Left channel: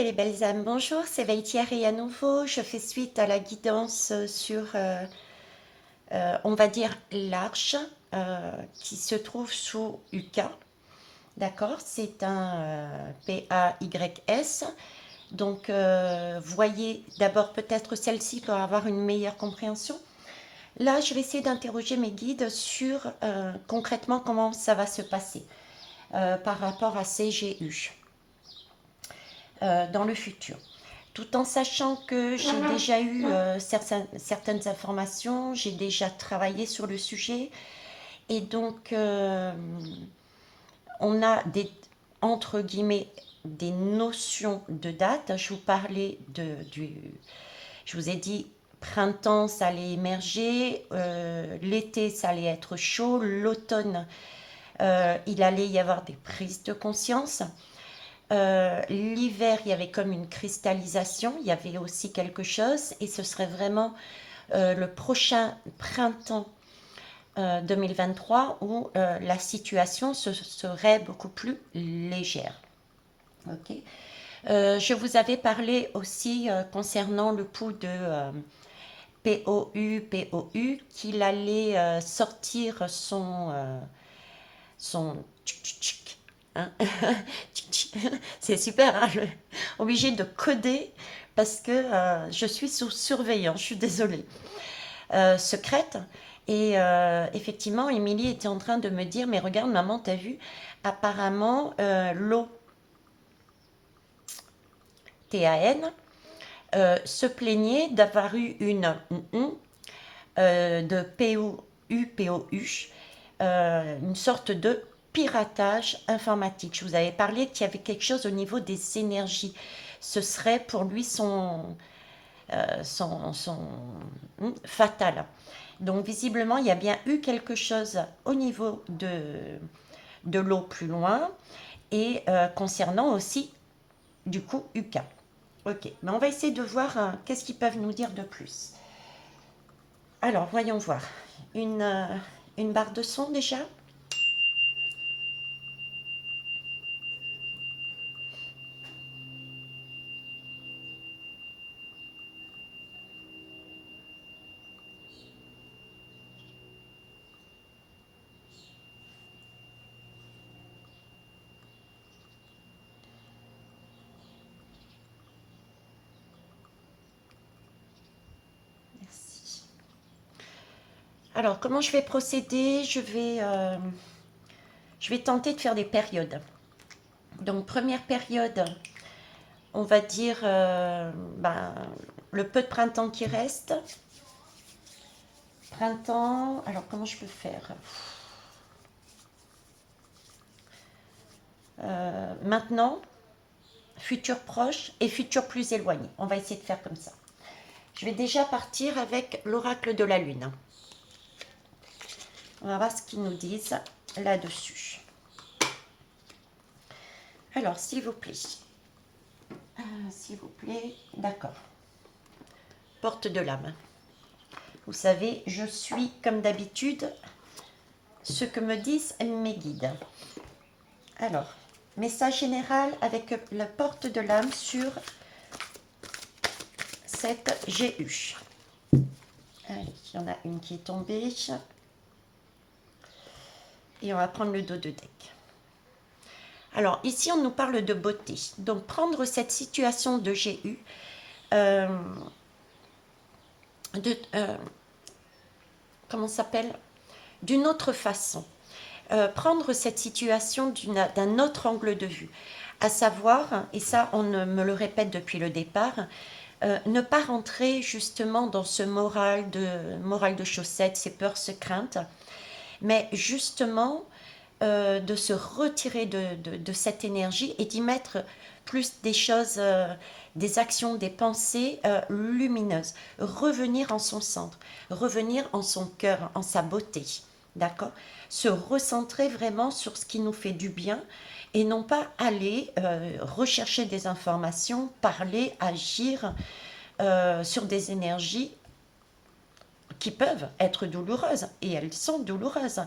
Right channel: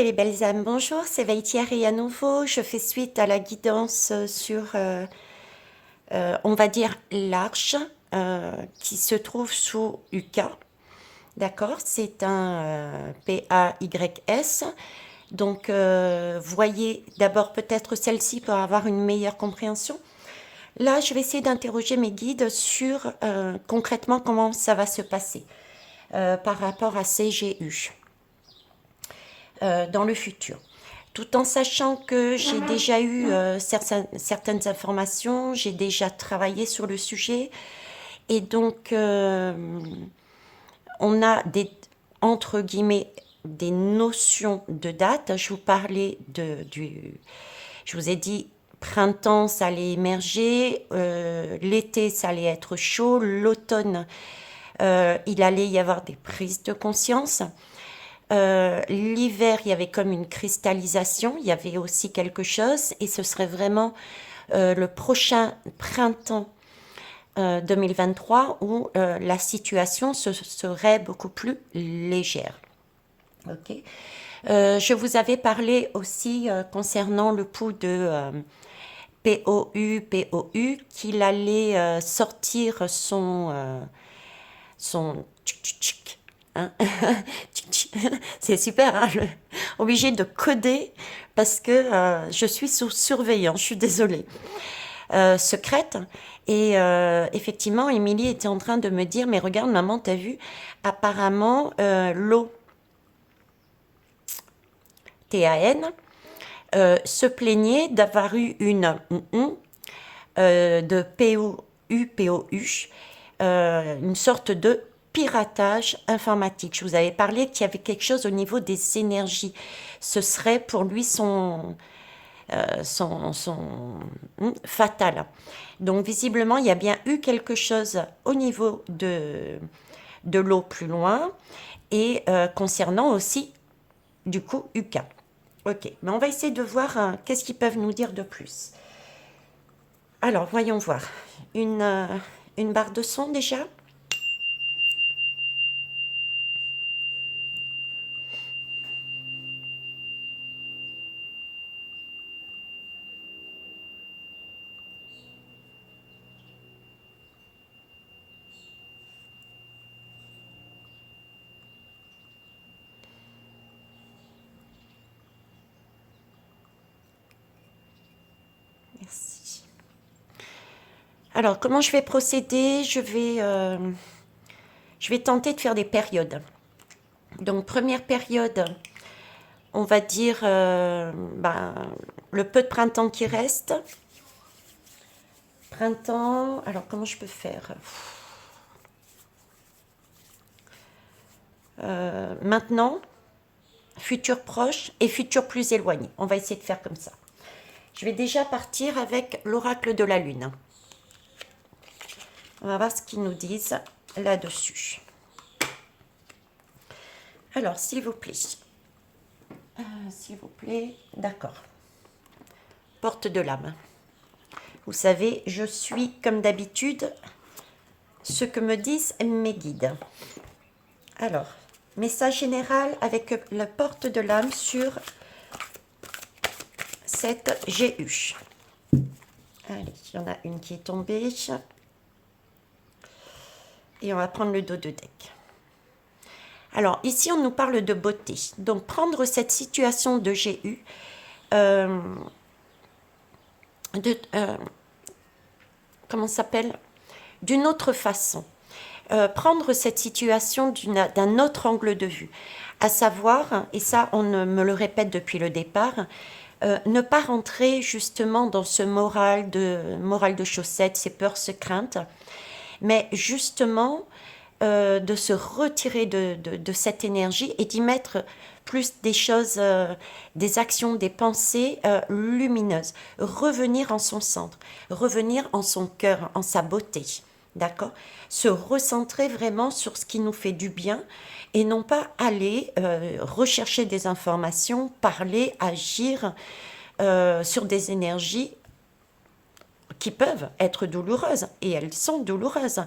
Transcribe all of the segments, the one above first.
les belles âmes, bonjour, c'est Vaitiari à nouveau. Je fais suite à la guidance sur, on va dire, l'arche qui se trouve sous UK. D'accord, c'est un PAYS. Donc, voyez d'abord peut-être celle-ci pour avoir une meilleure compréhension. Là, je vais essayer d'interroger mes guides sur concrètement comment ça va se passer par rapport à ces GU dans le futur. Tout en sachant que j'ai déjà eu certaines informations, j'ai déjà travaillé sur le sujet, et donc on a des, entre guillemets, des notions de date. Je vous parlais je vous ai dit, printemps, ça allait émerger, l'été, ça allait être chaud, l'automne, il allait y avoir des prises de conscience. L'hiver, il y avait comme une cristallisation, il y avait aussi quelque chose, et ce serait vraiment le prochain printemps 2023 où la situation serait beaucoup plus légère. Ok. Je vous avais parlé aussi concernant le pouls de POU, qu'il allait sortir son hein. C'est super, hein, obligé de coder parce que je suis sous surveillance, je suis désolée. Secrète. Et effectivement, Émilie était en train de me dire, mais regarde maman, t'as vu, apparemment l'eau TAN se plaignait d'avoir eu une de POU, une sorte de piratage informatique. Je vous avais parlé qu'il y avait quelque chose au niveau des énergies. Ce serait pour lui son fatal. Donc visiblement, il y a bien eu quelque chose au niveau de l'eau plus loin et concernant aussi du coup UK. Ok, mais on va essayer de voir qu'est-ce qu'ils peuvent nous dire de plus. Alors, voyons voir. Une barre de son déjà. Merci. Alors, comment je vais procéder? Je vais tenter de faire des périodes. Donc, première période, on va dire le peu de printemps qui reste. Printemps, alors comment je peux faire? Maintenant, futur proche et futur plus éloigné. On va essayer de faire comme ça. Je vais déjà partir avec l'oracle de la lune. On va voir ce qu'ils nous disent là-dessus. Alors, s'il vous plaît. S'il vous plaît, d'accord. Porte de l'âme. Vous savez, je suis comme d'habitude ce que me disent mes guides. Alors, message général avec la porte de l'âme sur cette GU. Allez, il y en a une qui est tombée. Et on va prendre le dos de deck. Alors, ici, on nous parle de beauté. Donc, prendre cette situation de GU, comment ça s'appelle? D'une autre façon. Prendre cette situation d'un autre angle de vue. À savoir, et ça, on me le répète depuis le départ, ne pas rentrer justement dans ce moral de chaussettes, ces peurs, ces craintes, mais justement de se retirer de cette énergie et d'y mettre plus des choses, des actions, des pensées lumineuses. Revenir en son centre, revenir en son cœur, en sa beauté. D'accord? Se recentrer vraiment sur ce qui nous fait du bien et non pas aller rechercher des informations, parler, agir sur des énergies qui peuvent être douloureuses, et elles sont douloureuses,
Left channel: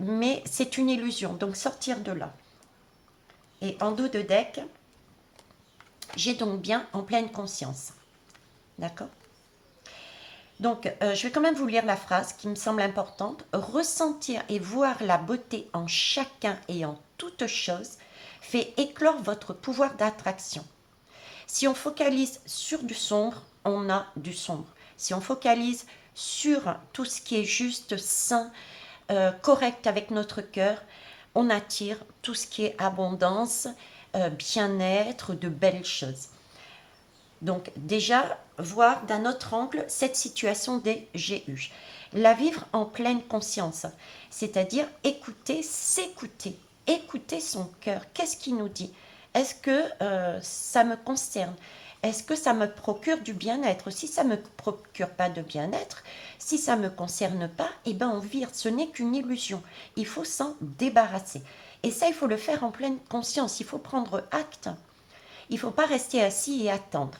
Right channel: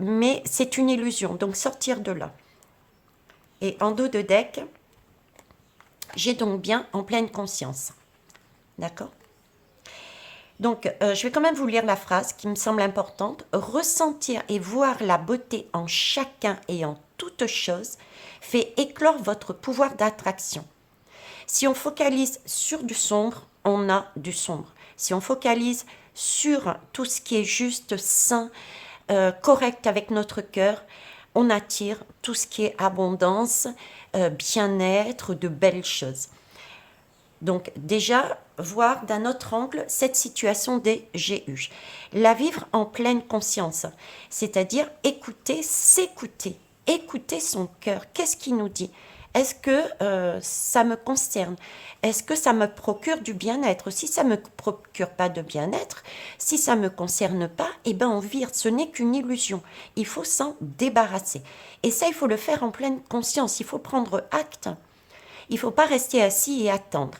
mais c'est une illusion, donc sortir de là. Et en dos de deck, J'ai donc bien en pleine conscience. D'accord? Donc, je vais quand même vous lire la phrase qui me semble importante. Ressentir et voir la beauté en chacun et en toute chose fait éclore votre pouvoir d'attraction. Si on focalise sur du sombre, on a du sombre. Si on focalise sur tout ce qui est juste, sain, correct avec notre cœur, on attire tout ce qui est abondance, bien-être, de belles choses. Donc déjà, voir d'un autre angle cette situation des GU. La vivre en pleine conscience, c'est-à-dire écouter, s'écouter, écouter son cœur. Qu'est-ce qu'il nous dit? Est-ce que ça me concerne? Est-ce que ça me procure du bien-être? Si ça ne me procure pas de bien-être, si ça ne me concerne pas, eh ben on vire, ce n'est qu'une illusion. Il faut s'en débarrasser. Et ça, il faut le faire en pleine conscience, il faut prendre acte. Il ne faut pas rester assis et attendre.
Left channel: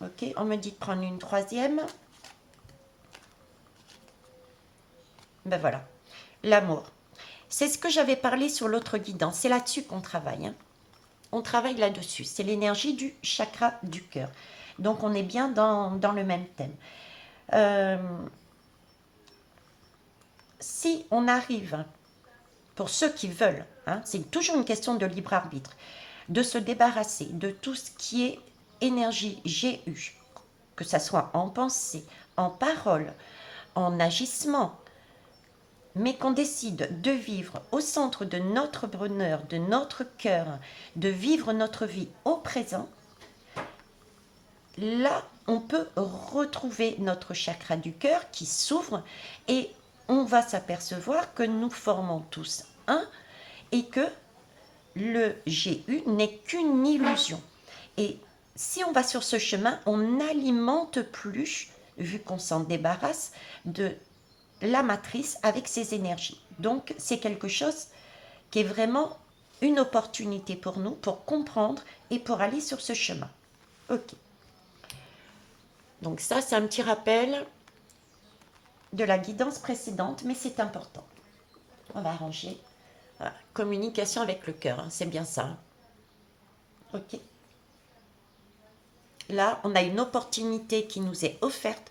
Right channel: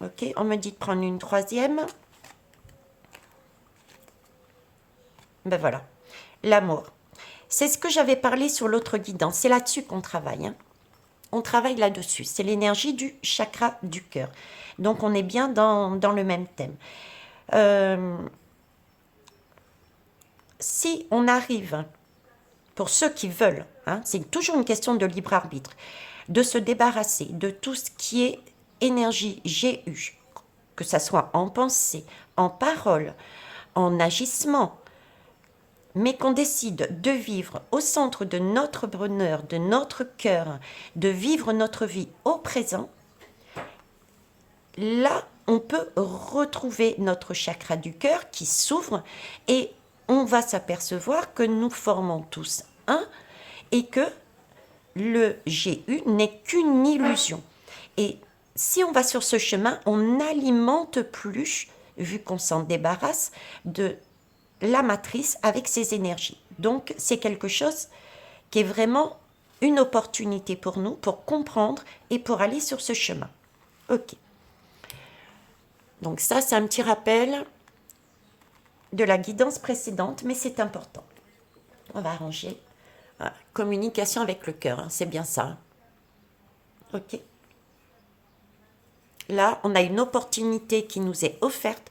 Ok, on me dit de prendre une troisième. Ben voilà, l'amour. C'est ce que j'avais parlé sur l'autre guidance. C'est là-dessus qu'on travaille. Hein. On travaille là-dessus. C'est l'énergie du chakra du cœur. Donc on est bien dans le même thème. Si on arrive, pour ceux qui veulent, hein, c'est toujours une question de libre arbitre, de se débarrasser de tout ce qui est énergie GU, que ça soit en pensée, en parole, en agissement, mais qu'on décide de vivre au centre de notre bonheur, de notre cœur, de vivre notre vie au présent, là, on peut retrouver notre chakra du cœur qui s'ouvre et on va s'apercevoir que nous formons tous un et que le GU n'est qu'une illusion. Et si on va sur ce chemin, on n'alimente plus, vu qu'on s'en débarrasse, de la matrice avec ses énergies. Donc, c'est quelque chose qui est vraiment une opportunité pour nous, pour comprendre et pour aller sur ce chemin. Ok. Donc ça, c'est un petit rappel de la guidance précédente, mais c'est important. On va arranger. Voilà. Communication avec le cœur, hein, c'est bien ça. Ok. Là, on a une opportunité qui nous est offerte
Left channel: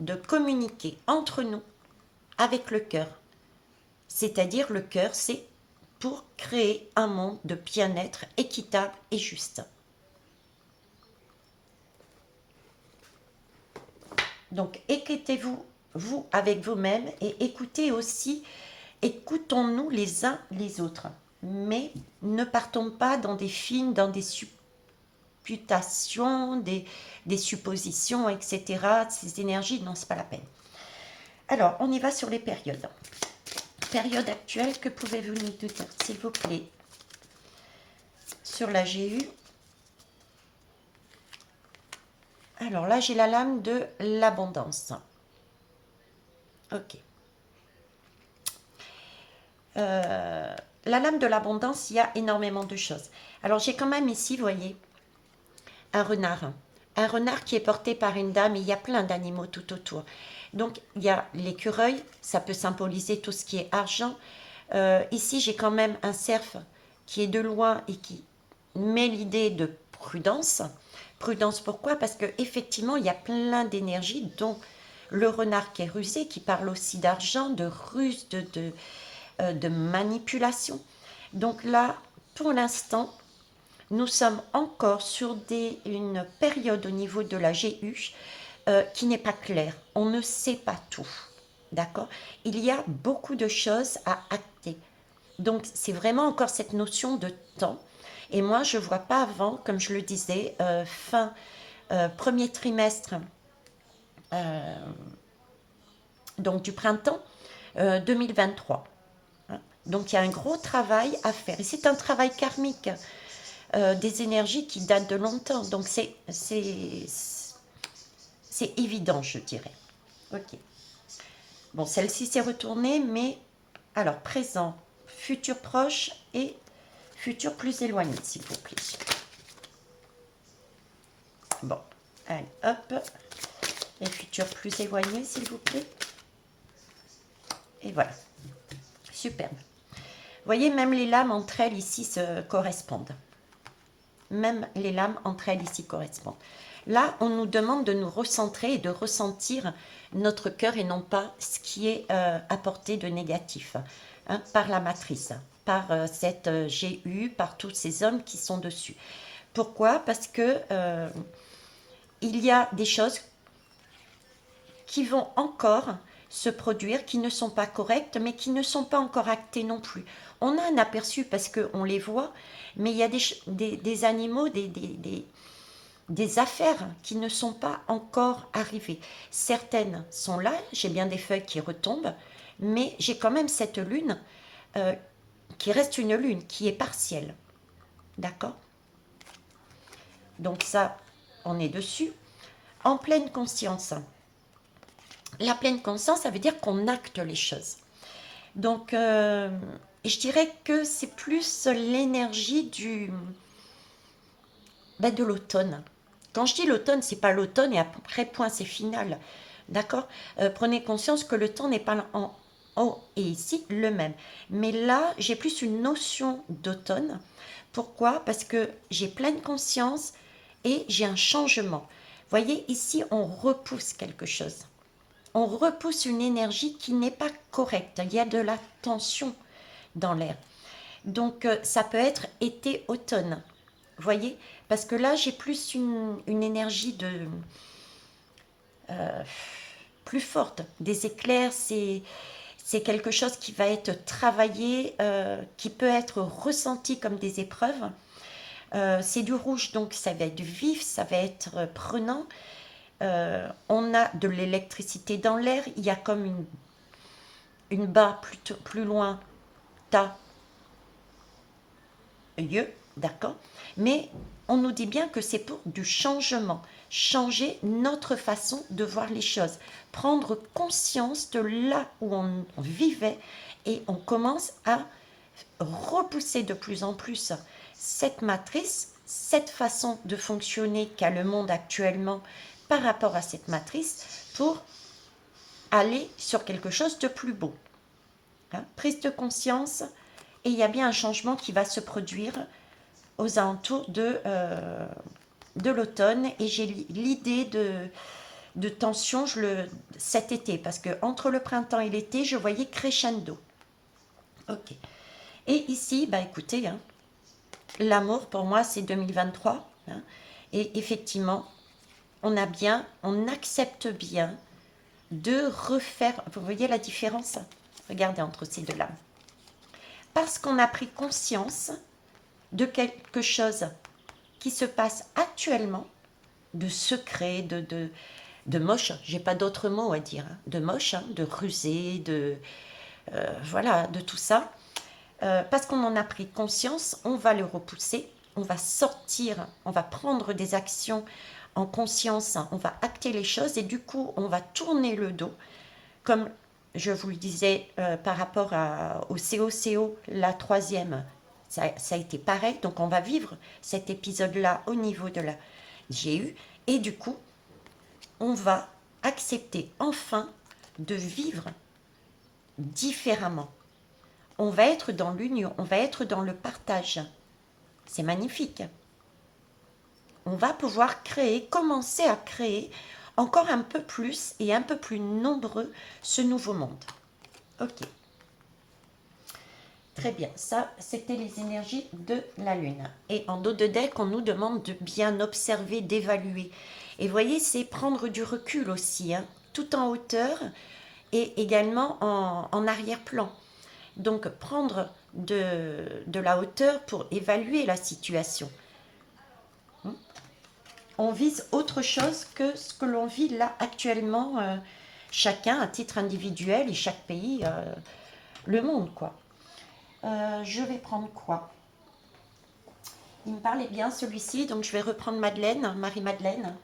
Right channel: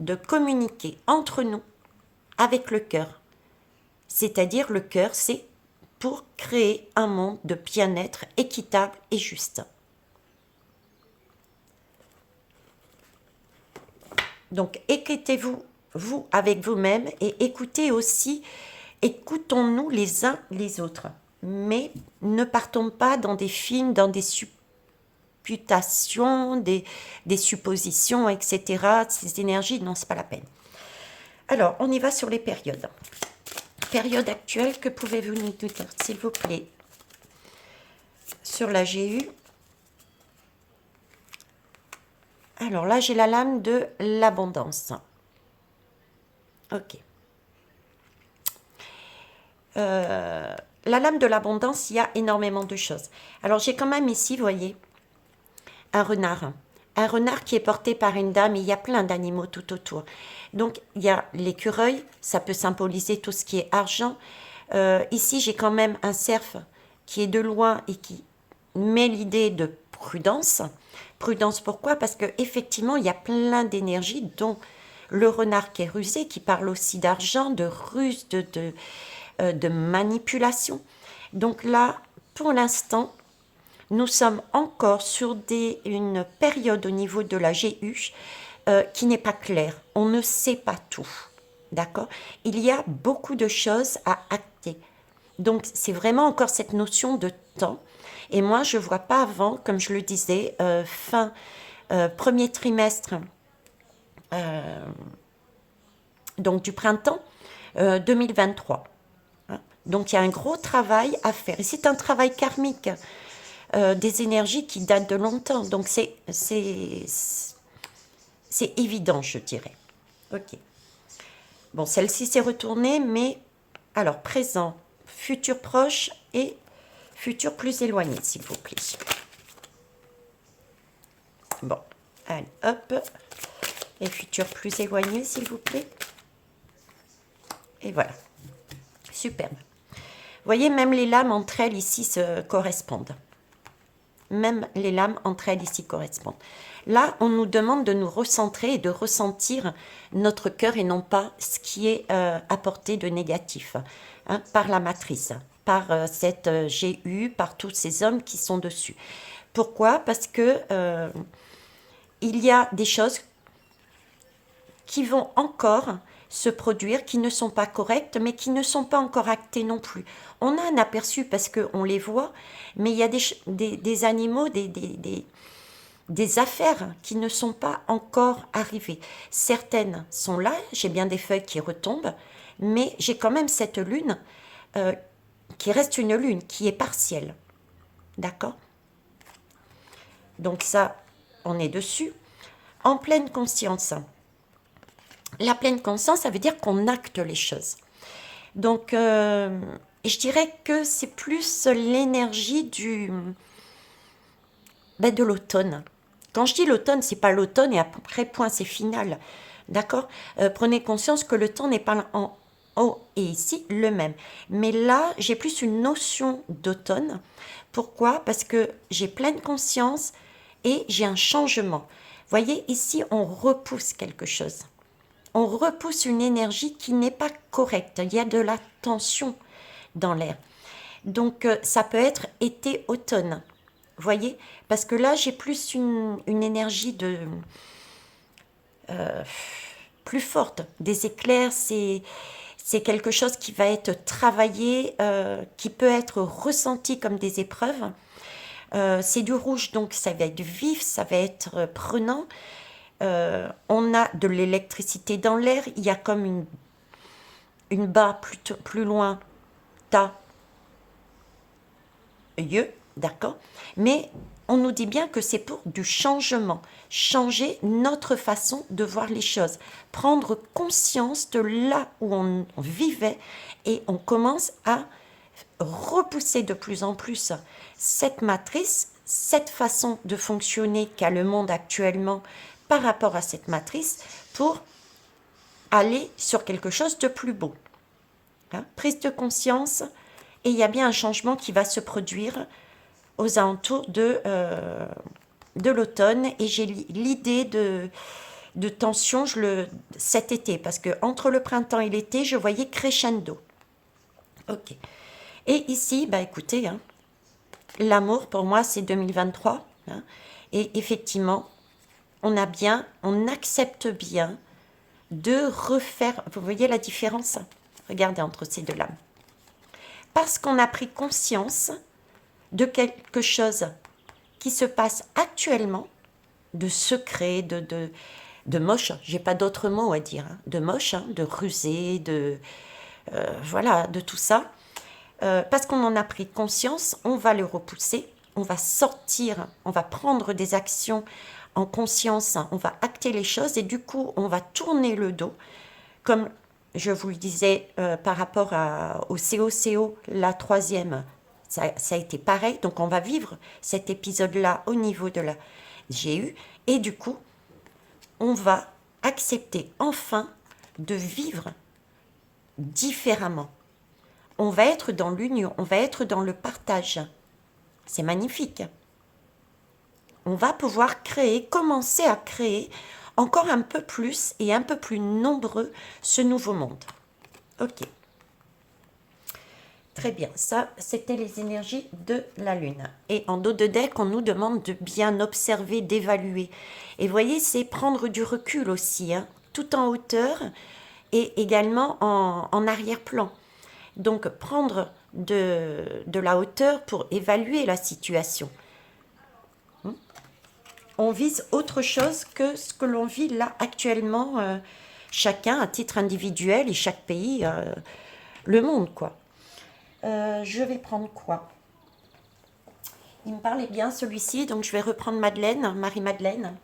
de communiquer entre nous avec le cœur. C'est-à-dire le cœur, c'est pour créer un monde de bien-être équitable et juste. Donc écoutez-vous, vous avec vous-même, et écoutez aussi, écoutons-nous les uns les autres. Mais ne partons pas dans des films, dans des supputations, des suppositions, etc. Ces énergies, non, c'est pas la peine. Alors, on y va sur les périodes. Période actuelle, que pouvez-vous nous dire, s'il vous plaît? Sur la GU. Alors là, j'ai la lame de l'abondance. Ok. La lame de l'abondance, il y a énormément de choses. Alors j'ai quand même ici, vous voyez, un renard. Un renard qui est porté par une dame, et il y a plein d'animaux tout autour. Donc il y a l'écureuil, ça peut symboliser tout ce qui est argent. Ici, j'ai quand même un cerf qui est de loin et qui met l'idée de prudence. Prudence, pourquoi? Parce qu'effectivement, il y a plein d'énergie, dont le renard qui est rusé, qui parle aussi d'argent, de ruse, de manipulation. Donc là, pour l'instant, nous sommes encore sur une période au niveau de la GU qui n'est pas claire. On ne sait pas tout. D'accord? Il y a beaucoup de choses à acter. Donc, c'est vraiment encore cette notion de temps. Et moi, je ne vois pas avant, comme je le disais, fin premier trimestre donc du printemps 2023. Hein. Donc, il y a un gros travail à faire. Et c'est un travail karmique, des énergies qui datent de longtemps. Donc, c'est évident, je dirais. Ok. Bon, celle-ci s'est retournée, mais alors, présent, futur proche et futur plus éloigné, s'il vous plaît. Bon, allez, hop. Et futur plus éloigné, s'il vous plaît. Et voilà. Superbe. Vous voyez, même les lames entre elles ici se correspondent. même les lames entre elles ici correspondent. Là, on nous demande de nous recentrer et de ressentir notre cœur et non pas ce qui est apporté de négatif, hein, par la matrice, par cette GU, par tous ces hommes qui sont dessus. Pourquoi? Parce que il y a des choses qui vont encore se produire, qui ne sont pas correctes, mais qui ne sont pas encore actées non plus. On a un aperçu parce qu'on les voit, mais il y a des animaux, des affaires qui ne sont pas encore arrivées. Certaines sont là, j'ai bien des feuilles qui retombent, mais j'ai quand même cette lune qui reste une lune, qui est partielle. D'accord? Donc ça, on est dessus. En pleine conscience. La pleine conscience, ça veut dire qu'on acte les choses. Donc, je dirais que c'est plus l'énergie de l'automne. Quand je dis l'automne, c'est pas l'automne et après, point, c'est final. D'accord? Prenez conscience que le temps n'est pas en haut et ici le même. Mais là, j'ai plus une notion d'automne. Pourquoi? Parce que j'ai pleine conscience et j'ai un changement. Voyez, ici, on repousse quelque chose. On repousse une énergie qui n'est pas correcte. Il y a de la tension dans l'air. Donc, ça peut être été-automne. Voyez? Parce que là, j'ai plus une énergie plus forte. Des éclairs, c'est quelque chose qui va être travaillé, qui peut être ressenti comme des épreuves. C'est du rouge, donc ça va être vif, ça va être prenant. On a de l'électricité dans l'air. Il y a comme une barre plus loin, ta, yeux, d'accord? Mais on nous dit bien que c'est pour du changement, changer notre façon de voir les choses, prendre conscience de là où on vivait et on commence à repousser de plus en plus cette matrice, cette façon de fonctionner qu'a le monde actuellement par rapport à cette matrice pour aller sur quelque chose de plus beau. Hein? Prise de conscience, et il y a bien un changement qui va se produire aux alentours de l'automne, et j'ai l'idée de tension cet été, parce que entre le printemps et l'été, je voyais crescendo. Ok. Et ici, bah écoutez, hein, l'amour pour moi c'est 2023, hein, et effectivement, on accepte bien de refaire. Vous voyez la différence? Regardez entre ces deux lames. Parce qu'on a pris conscience de quelque chose qui se passe actuellement, de secret, de moche, j'ai pas d'autre mot à dire, hein, de moche, hein, de rusé, voilà, de tout ça. Parce qu'on en a pris conscience, on va le repousser, on va sortir, on va prendre des actions en conscience, on va acter les choses et du coup, on va tourner le dos. Comme je vous le disais par rapport au COCO, la troisième, ça a été pareil. Donc, on va vivre cet épisode-là au niveau de la GU et du coup, on va accepter enfin de vivre différemment. On va être dans l'union, on va être dans le partage. C'est magnifique. On va pouvoir commencer à créer encore un peu plus et un peu plus nombreux ce nouveau monde. Ok. Très bien, ça c'était les énergies de la Lune. Et en dos de deck, on nous demande de bien observer, d'évaluer. Et voyez, c'est prendre du recul aussi, hein, tout en hauteur et également en arrière-plan. Donc prendre de la hauteur pour évaluer la situation. On vise autre chose que ce que l'on vit là actuellement, chacun à titre individuel et chaque pays, le monde quoi. Je vais prendre quoi? Il me parlait bien celui-ci, donc je vais reprendre Madeleine, Marie-Madeleine.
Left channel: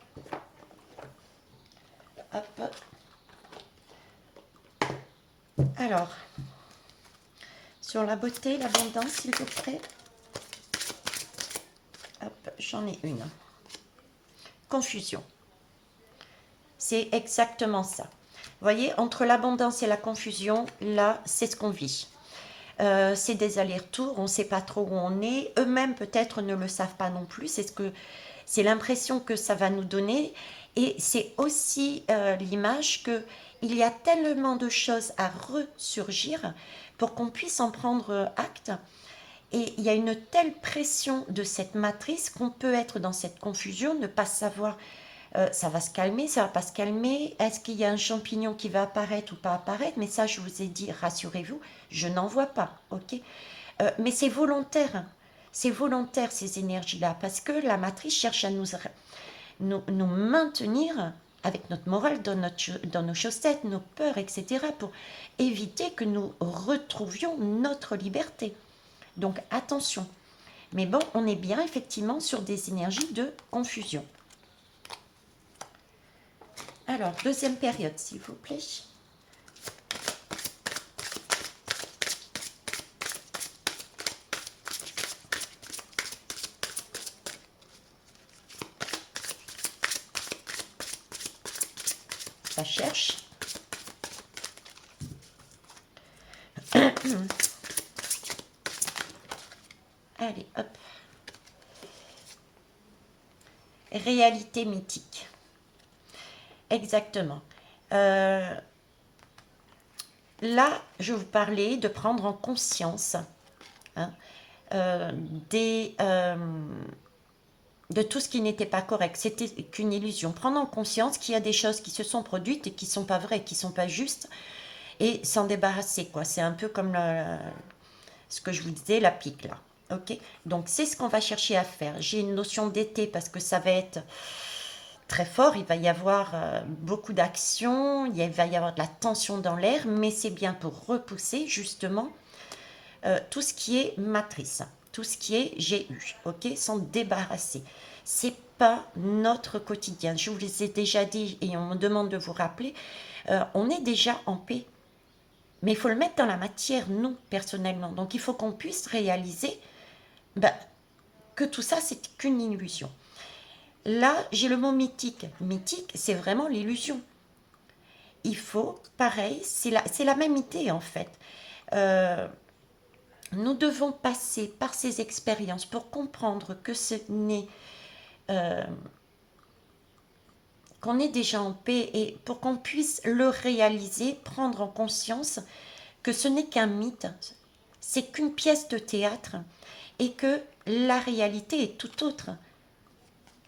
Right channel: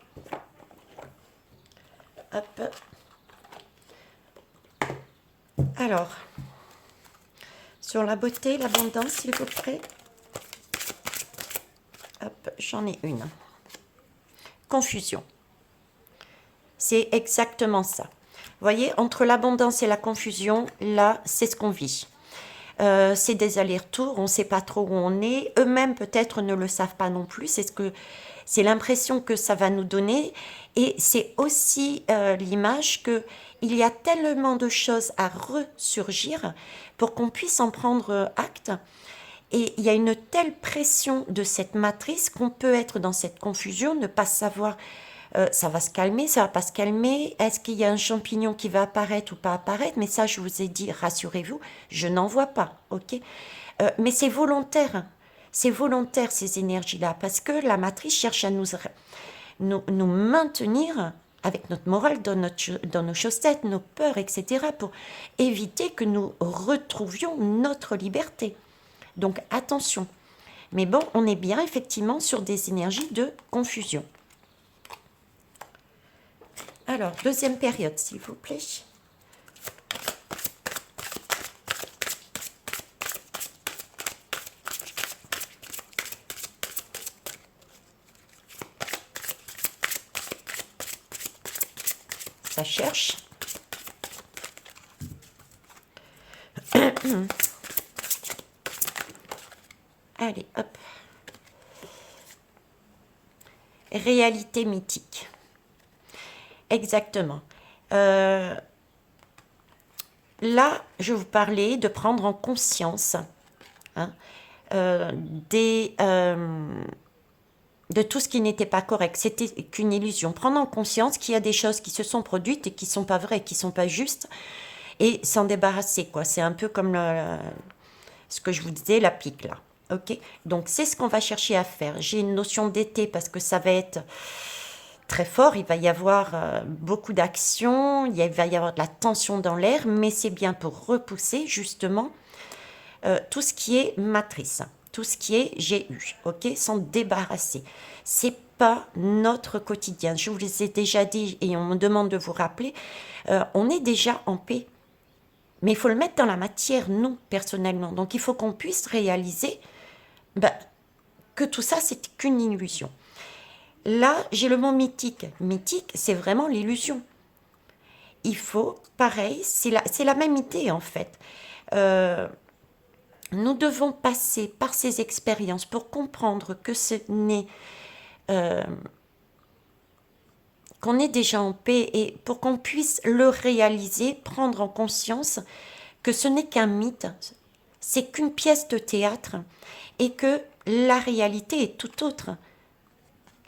Hop. Alors, sur la beauté, l'abondance, s'il vous plaît. Hop, j'en ai une. Confusion. C'est exactement ça. Vous voyez, entre l'abondance et la confusion, là, c'est ce qu'on vit. C'est des allers-retours, on ne sait pas trop où on est. Eux-mêmes peut-être ne le savent pas non plus. C'est l'impression que ça va nous donner. Et c'est aussi l'image que il y a tellement de choses à ressurgir pour qu'on puisse en prendre acte. Et il y a une telle pression de cette matrice qu'on peut être dans cette confusion, ne pas savoir ça va se calmer, ça va pas se calmer, est-ce qu'il y a un champignon qui va apparaître ou pas apparaître, mais ça je vous ai dit, rassurez-vous, je n'en vois pas, ok. Mais c'est volontaire ces énergies-là, parce que la matrice cherche à nous maintenir avec notre morale dans nos chaussettes, nos peurs, etc., pour éviter que nous retrouvions notre liberté. Donc attention. Mais bon, on est bien effectivement sur des énergies de confusion. Alors, deuxième période, s'il vous plaît. Ça cherche. Allez, hop. Réalité mythique. Exactement. Là, je vous parlais de prendre en conscience hein, de tout ce qui n'était pas correct. C'était qu'une illusion. Prendre en conscience qu'il y a des choses qui se sont produites et qui ne sont pas vraies, qui ne sont pas justes, et s'en débarrasser, quoi. C'est un peu comme ce que je vous disais, la pique, là. Ok. Donc, c'est ce qu'on va chercher à faire. J'ai une notion d'été parce que ça va être très fort, il va y avoir beaucoup d'actions, il va y avoir de la tension dans l'air, mais c'est bien pour repousser justement tout ce qui est matrice, tout ce qui est GU, ok, s'en débarrasser. C'est pas notre quotidien. Je vous les ai déjà dit et on me demande de vous rappeler, on est déjà en paix. Mais il faut le mettre dans la matière, nous, personnellement. Donc il faut qu'on puisse réaliser que tout ça, c'est qu'une illusion. Là, j'ai le mot mythique. Mythique, c'est vraiment l'illusion. Il faut, pareil, c'est la même idée en fait. Nous devons passer par ces expériences pour comprendre que ce n'est qu'on est déjà en paix et pour qu'on puisse le réaliser, prendre en conscience que ce n'est qu'un mythe, c'est qu'une pièce de théâtre et que la réalité est tout autre.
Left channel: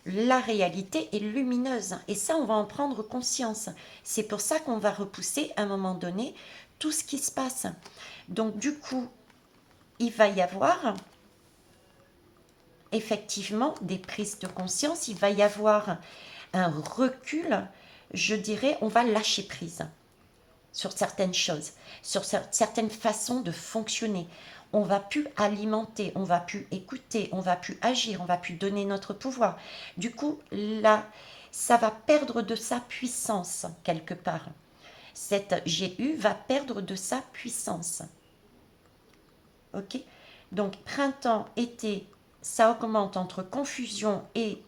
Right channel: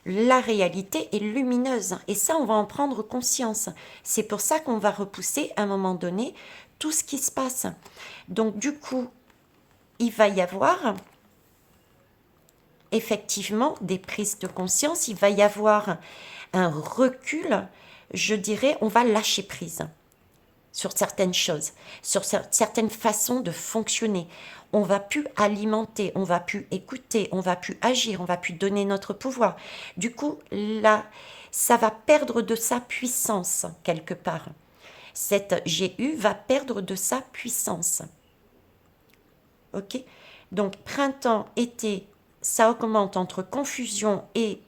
La réalité est lumineuse et ça, on va en prendre conscience. C'est pour ça qu'on va repousser à un moment donné tout ce qui se passe. Donc du coup, il va y avoir effectivement des prises de conscience, il va y avoir un recul, je dirais, on va lâcher prise sur certaines choses, sur certaines façons de fonctionner. On va plus alimenter, on va plus écouter, on va plus agir, on va plus donner notre pouvoir. Du coup, là, ça va perdre de sa puissance quelque part. Cette GU va perdre de sa puissance. Ok? Donc, printemps, été, ça augmente entre confusion et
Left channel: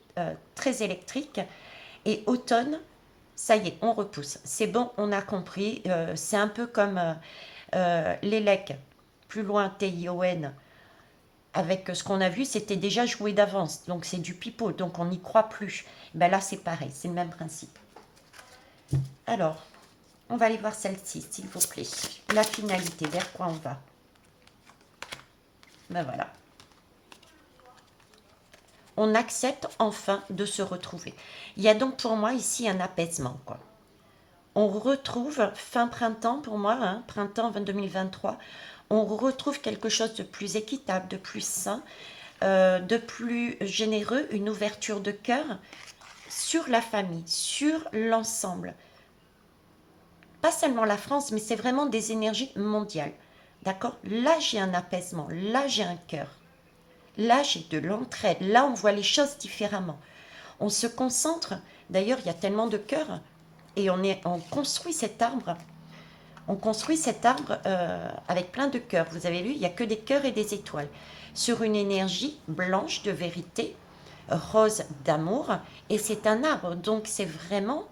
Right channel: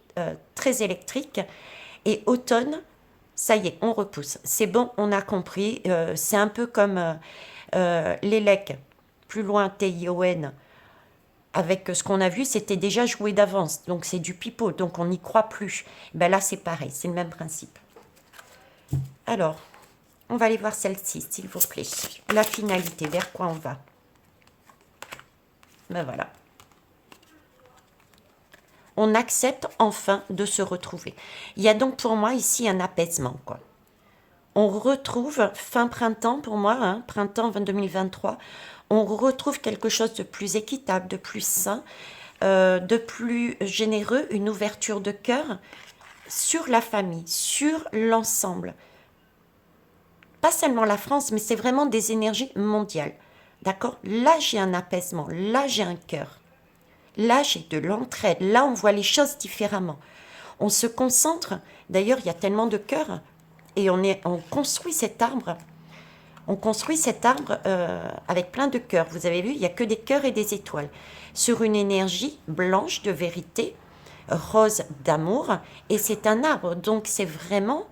très électrique. Et automne, ça y est, on repousse. C'est bon, on a compris. C'est un peu comme l'élec, plus loin, TION. Avec ce qu'on a vu, c'était déjà joué d'avance. Donc c'est du pipeau, donc on n'y croit plus. Ben là, c'est pareil, c'est le même principe. Alors, on va aller voir celle-ci, s'il vous plaît. La finalité, vers quoi on va? Ben voilà. On accepte enfin de se retrouver. Il y a donc pour moi ici un apaisement, quoi. On retrouve, fin printemps pour moi, hein, printemps 2023, on retrouve quelque chose de plus équitable, de plus sain, de plus généreux, une ouverture de cœur sur la famille, sur l'ensemble. Pas seulement la France, mais c'est vraiment des énergies mondiales. D'accord? Là, j'ai un apaisement, là, j'ai un cœur. Là, j'ai de l'entraide, là, on voit les choses différemment. On se concentre, d'ailleurs, il y a tellement de cœurs, et on construit cet arbre. On construit cet arbre avec plein de cœurs. Vous avez vu, il n'y a que des cœurs et des étoiles. Sur une énergie blanche de vérité, rose d'amour, et c'est un arbre. Donc c'est vraiment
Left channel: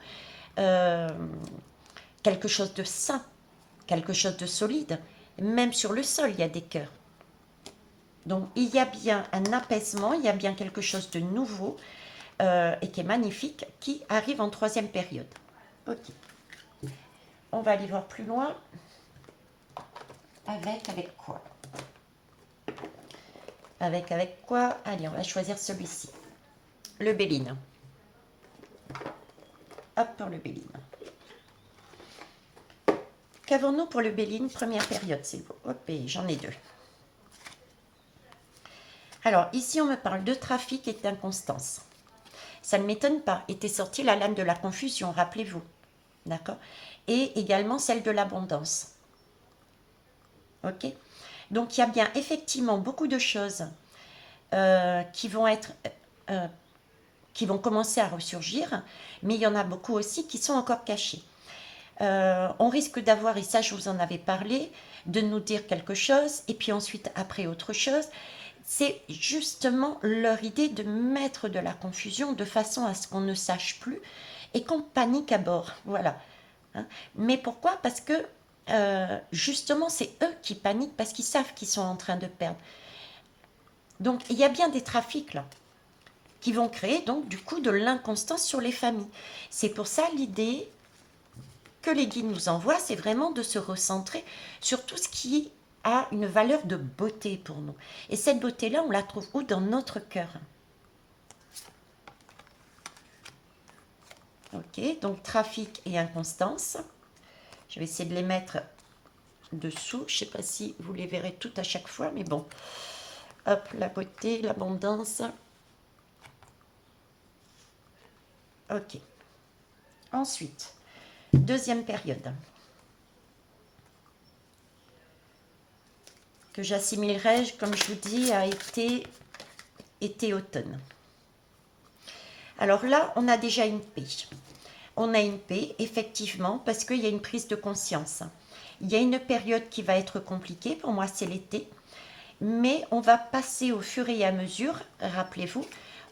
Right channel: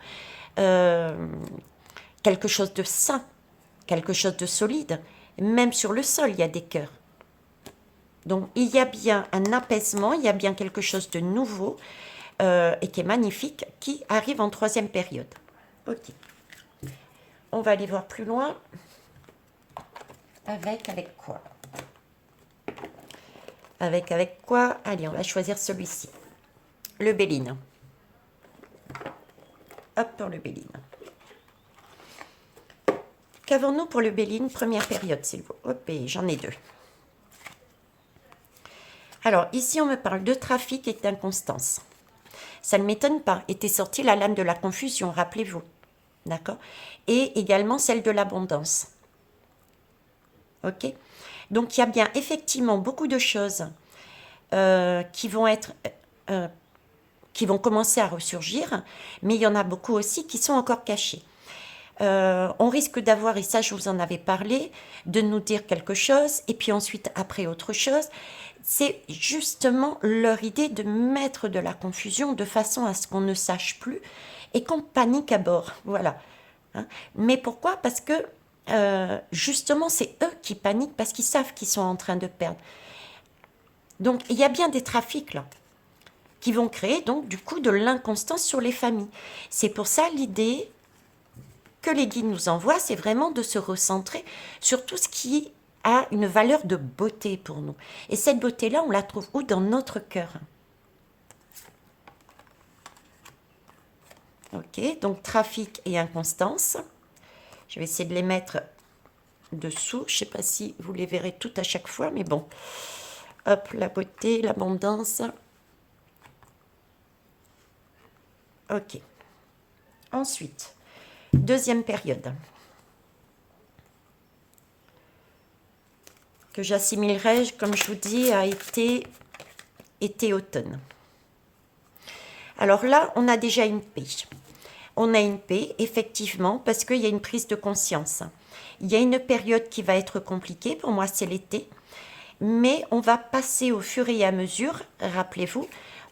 quelque chose de sain, quelque chose de solide. Même sur le sol, il y a des cœurs. Donc, il y a bien un apaisement, il y a bien quelque chose de nouveau et qui est magnifique, qui arrive en troisième période. Ok. On va aller voir plus loin. Avec quoi? Avec quoi? Allez, on va choisir celui-ci. Le Béline. Hop, pour le Béline. Qu'avons-nous pour le Béline? Première période, s'il vous plaît. Hop, et j'en ai deux. Alors, ici, on me parle de trafic et d'inconstance. Ça ne m'étonne pas. Était sortie la lame de la confusion, rappelez-vous. D'accord? Et également celle de l'abondance. Ok? Donc, il y a bien effectivement beaucoup de choses qui vont être... qui vont commencer à ressurgir, mais il y en a beaucoup aussi qui sont encore cachés. On risque d'avoir, et ça je vous en avais parlé, de nous dire quelque chose, et puis ensuite après autre chose. C'est justement leur idée de mettre de la confusion de façon à ce qu'on ne sache plus et qu'on panique à bord. Voilà. Hein. Mais pourquoi? Parce que justement c'est eux qui paniquent parce qu'ils savent qu'ils sont en train de perdre. Donc il y a bien des trafics là qui vont créer donc du coup de l'inconstance sur les familles. C'est pour ça l'idée que les guides nous envoient, c'est vraiment de se recentrer sur tout ce qui a une valeur de beauté pour nous. Et cette beauté-là, on la trouve où? Dans notre cœur. Ok, donc trafic et inconstance. Je vais essayer de les mettre dessous. Je ne sais pas si vous les verrez toutes à chaque fois, mais bon. Hop, la beauté, l'abondance. Ok. Ensuite, deuxième période. Que j'assimilerai, comme je vous dis, à été-automne. Alors là, on a déjà une paix. On a une paix, effectivement, parce qu'il y a une prise de conscience. Il y a une période qui va être compliquée, pour moi c'est l'été, mais on va passer au fur et à mesure, rappelez-vous,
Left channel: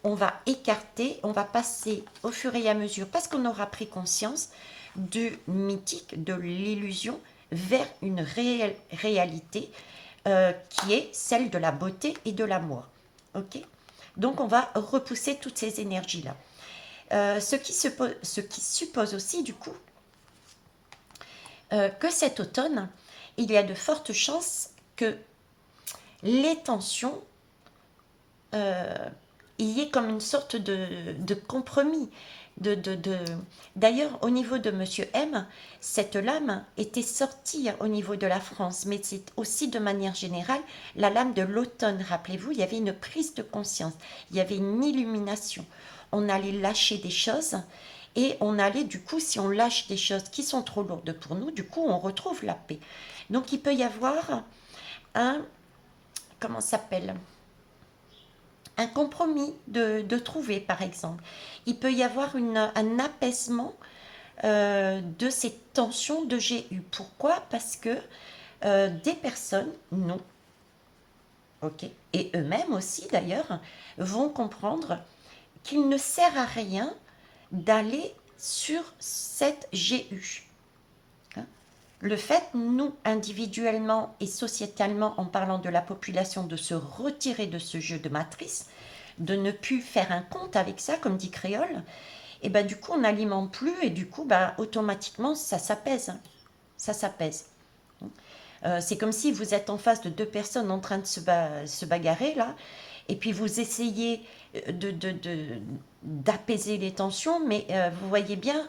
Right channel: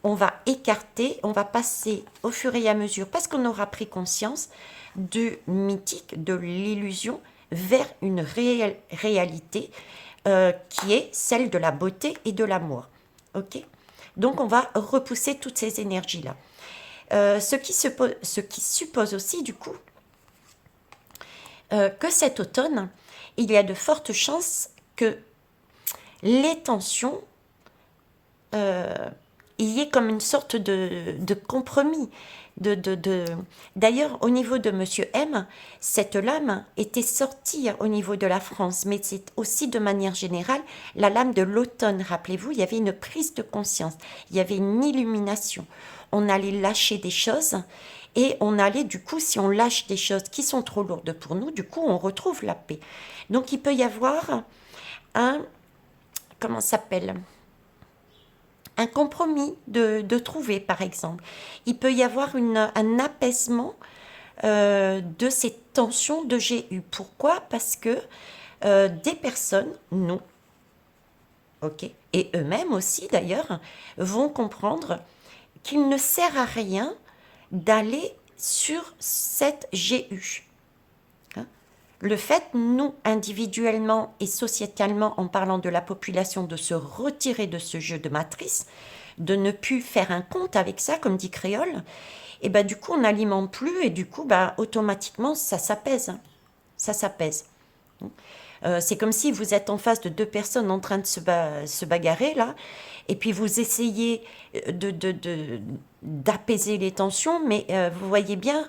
on va écarter, on va passer au fur et à mesure, parce qu'on aura pris conscience du mythique, de l'illusion, vers une réalité qui est celle de la beauté et de l'amour. Ok? Donc on va repousser toutes ces énergies-là. Ce qui suppose aussi, du coup, que cet automne, il y a de fortes chances que les tensions, il y ait comme une sorte de compromis. D'ailleurs, au niveau de Monsieur M, cette lame était sortie au niveau de la France, mais c'est aussi de manière générale la lame de l'automne. Rappelez-vous, il y avait une prise de conscience, il y avait une illumination. On allait lâcher des choses et on allait, du coup, si on lâche des choses qui sont trop lourdes pour nous, du coup, on retrouve la paix. Donc, il peut y avoir un, comment ça s'appelle? Un compromis de trouver, par exemple. Il peut y avoir un apaisement de ces tensions de GU. Pourquoi? Parce que des personnes, nous, ok, et eux-mêmes aussi d'ailleurs, vont comprendre qu'il ne sert à rien d'aller sur cette GU. Hein. Le fait, nous, individuellement et sociétalement, en parlant de la population, de se retirer de ce jeu de matrice, de ne plus faire un compte avec ça, comme dit Créole, et ben du coup, on n'alimente plus et du coup, ben, automatiquement, ça s'apaise. Hein. Ça s'apaise. C'est comme si vous êtes en face de deux personnes en train de se bagarrer, là, et puis vous essayez d'apaiser les tensions, mais vous voyez bien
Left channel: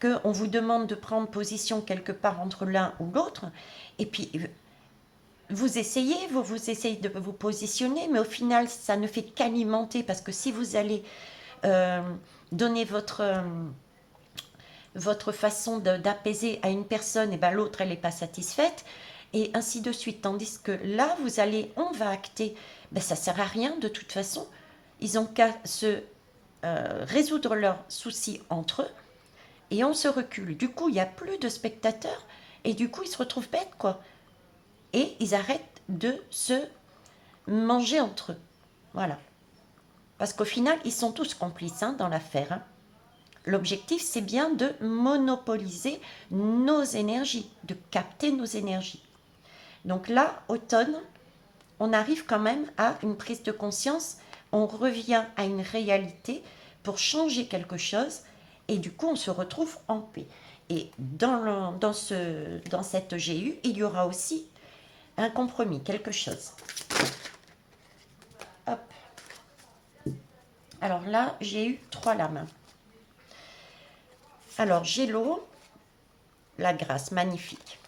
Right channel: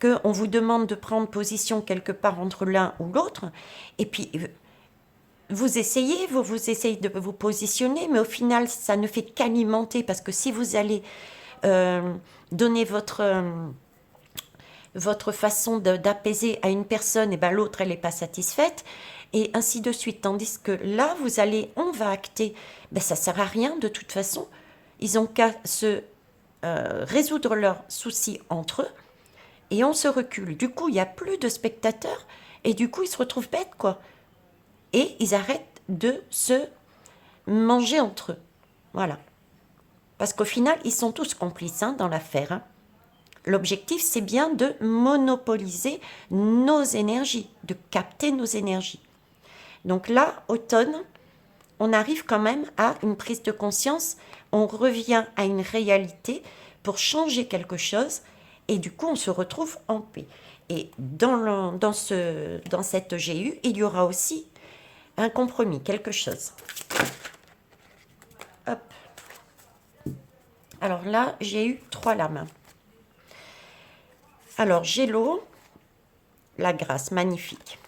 qu'on vous demande de prendre position quelque part entre l'un ou l'autre, et puis vous essayez de vous positionner, mais au final, ça ne fait qu'alimenter, parce que si vous allez euh, donner votre façon d'apaiser à une personne, et ben l'autre, elle n'est pas satisfaite, et ainsi de suite. Tandis que là, on va acter, ben ça sert à rien de toute façon. Ils ont qu'à se résoudre leurs soucis entre eux, et on se recule. Du coup, il n'y a plus de spectateurs, et du coup, ils se retrouvent bêtes, quoi. Et ils arrêtent de se manger entre eux. Voilà. Parce qu'au final, ils sont tous complices hein, dans l'affaire. Hein. L'objectif, c'est bien de monopoliser nos énergies, de capter nos énergies. Donc là, automne, on arrive quand même à une prise de conscience, on revient à une réalité pour changer quelque chose et du coup on se retrouve en paix. Et dans cette GU, il y aura aussi un compromis, quelque chose. Hop. Alors là, j'ai eu 3 lames. Alors j'ai l'eau, la grâce, magnifique.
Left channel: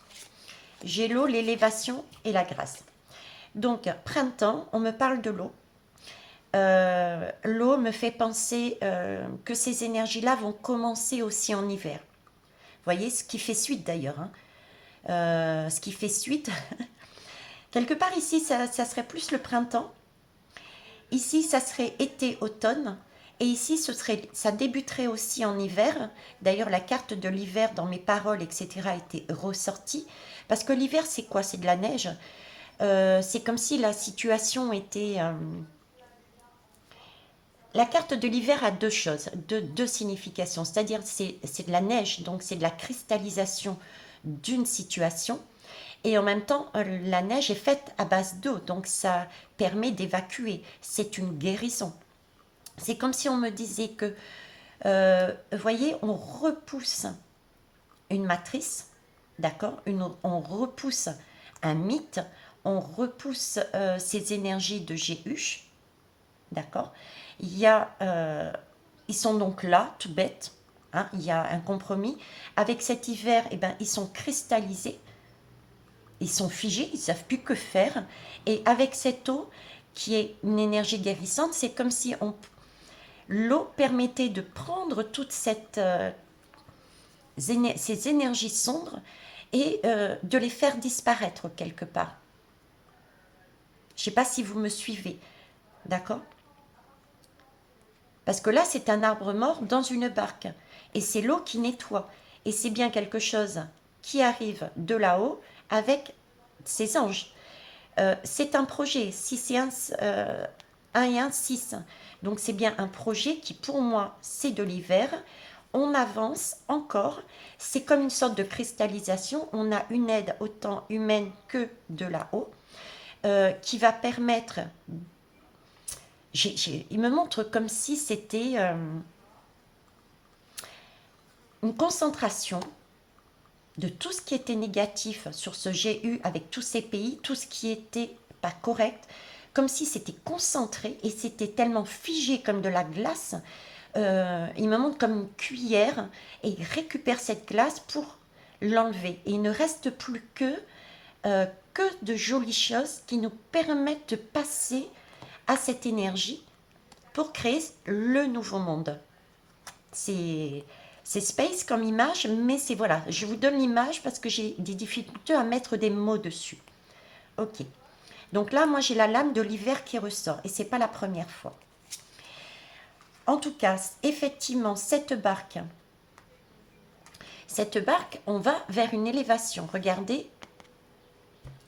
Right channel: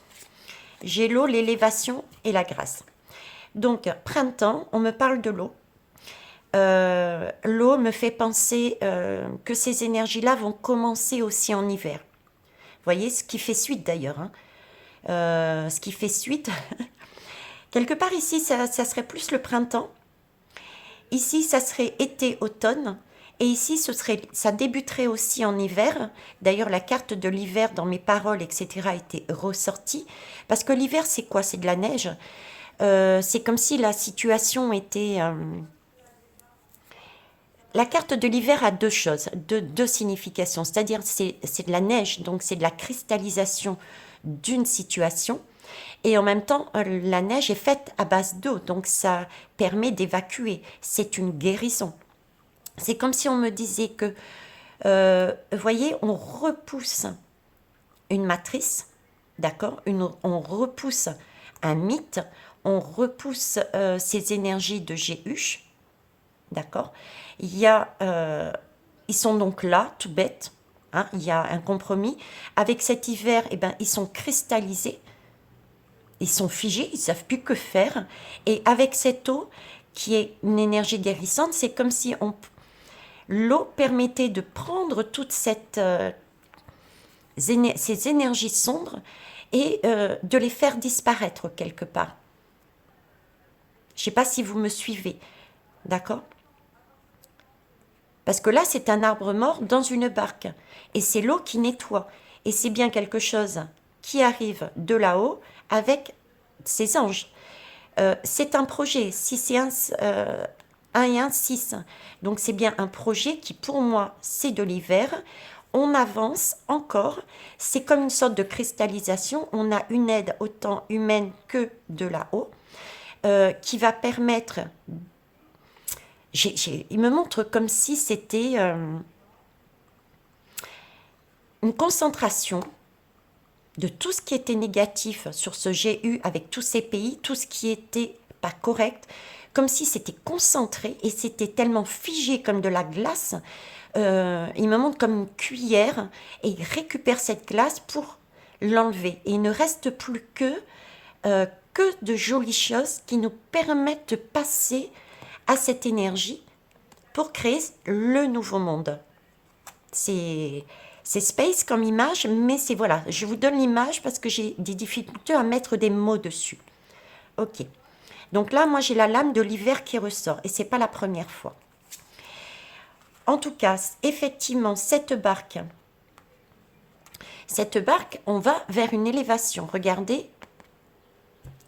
J'ai l'eau, l'élévation et la grâce. Donc, printemps, on me parle de l'eau. L'eau me fait penser que ces énergies-là vont commencer aussi en hiver. Vous voyez, ce qui fait suite d'ailleurs. Hein. Ce qui fait suite. Quelque part ici, ça serait plus le printemps. Ici, ça serait été-automne. Et ici, ça débuterait aussi en hiver. D'ailleurs, la carte de l'hiver dans mes paroles, etc., a été ressortie. Parce que l'hiver, c'est quoi? C'est de la neige. C'est comme si la situation était... La carte de l'hiver a deux choses, deux significations. C'est-à-dire, c'est de la neige, donc c'est de la cristallisation d'une situation. Et en même temps, la neige est faite à base d'eau, donc ça permet d'évacuer. C'est une guérison. C'est comme si on me disait que, vous voyez, on repousse une matrice, d'accord? On repousse un mythe, on repousse ces énergies de GU, d'accord? Ils sont donc là, tout bête, hein, il y a un compromis. Avec cet hiver, eh ben, ils sont cristallisés, ils sont figés, ils ne savent plus que faire. Et avec cette eau, qui est une énergie guérissante, c'est comme si l'eau permettait de prendre toutes ces énergies sombres et de les faire disparaître quelque part. Je ne sais pas si vous me suivez, d'accord? Parce que là, c'est un arbre mort dans une barque. Et c'est l'eau qui nettoie. Et c'est bien quelque chose qui arrive de là-haut avec ces anges. C'est un projet. Si c'est 1 et 1, 6. Donc c'est bien un projet qui, pour moi, c'est de l'hiver. On avance encore. C'est comme une sorte de cristallisation. On a une aide autant humaine que de là-haut qui va permettre... il me montre comme si c'était une concentration de tout ce qui était négatif sur ce GU avec tous ces pays, tout ce qui était pas correct, comme si c'était concentré et c'était tellement figé comme de la glace. Il me montre comme une cuillère et il récupère cette glace pour l'enlever. Et il ne reste plus que de jolies choses qui nous permettent de passer à cette énergie pour créer le nouveau monde. C'est space comme image, mais c'est voilà, je vous donne l'image parce que j'ai des difficultés à mettre des mots dessus. Ok. Donc là, moi, j'ai la lame de l'hiver qui ressort et c'est pas la première fois. En tout cas, effectivement, cette barque, on va vers une élévation. Regardez.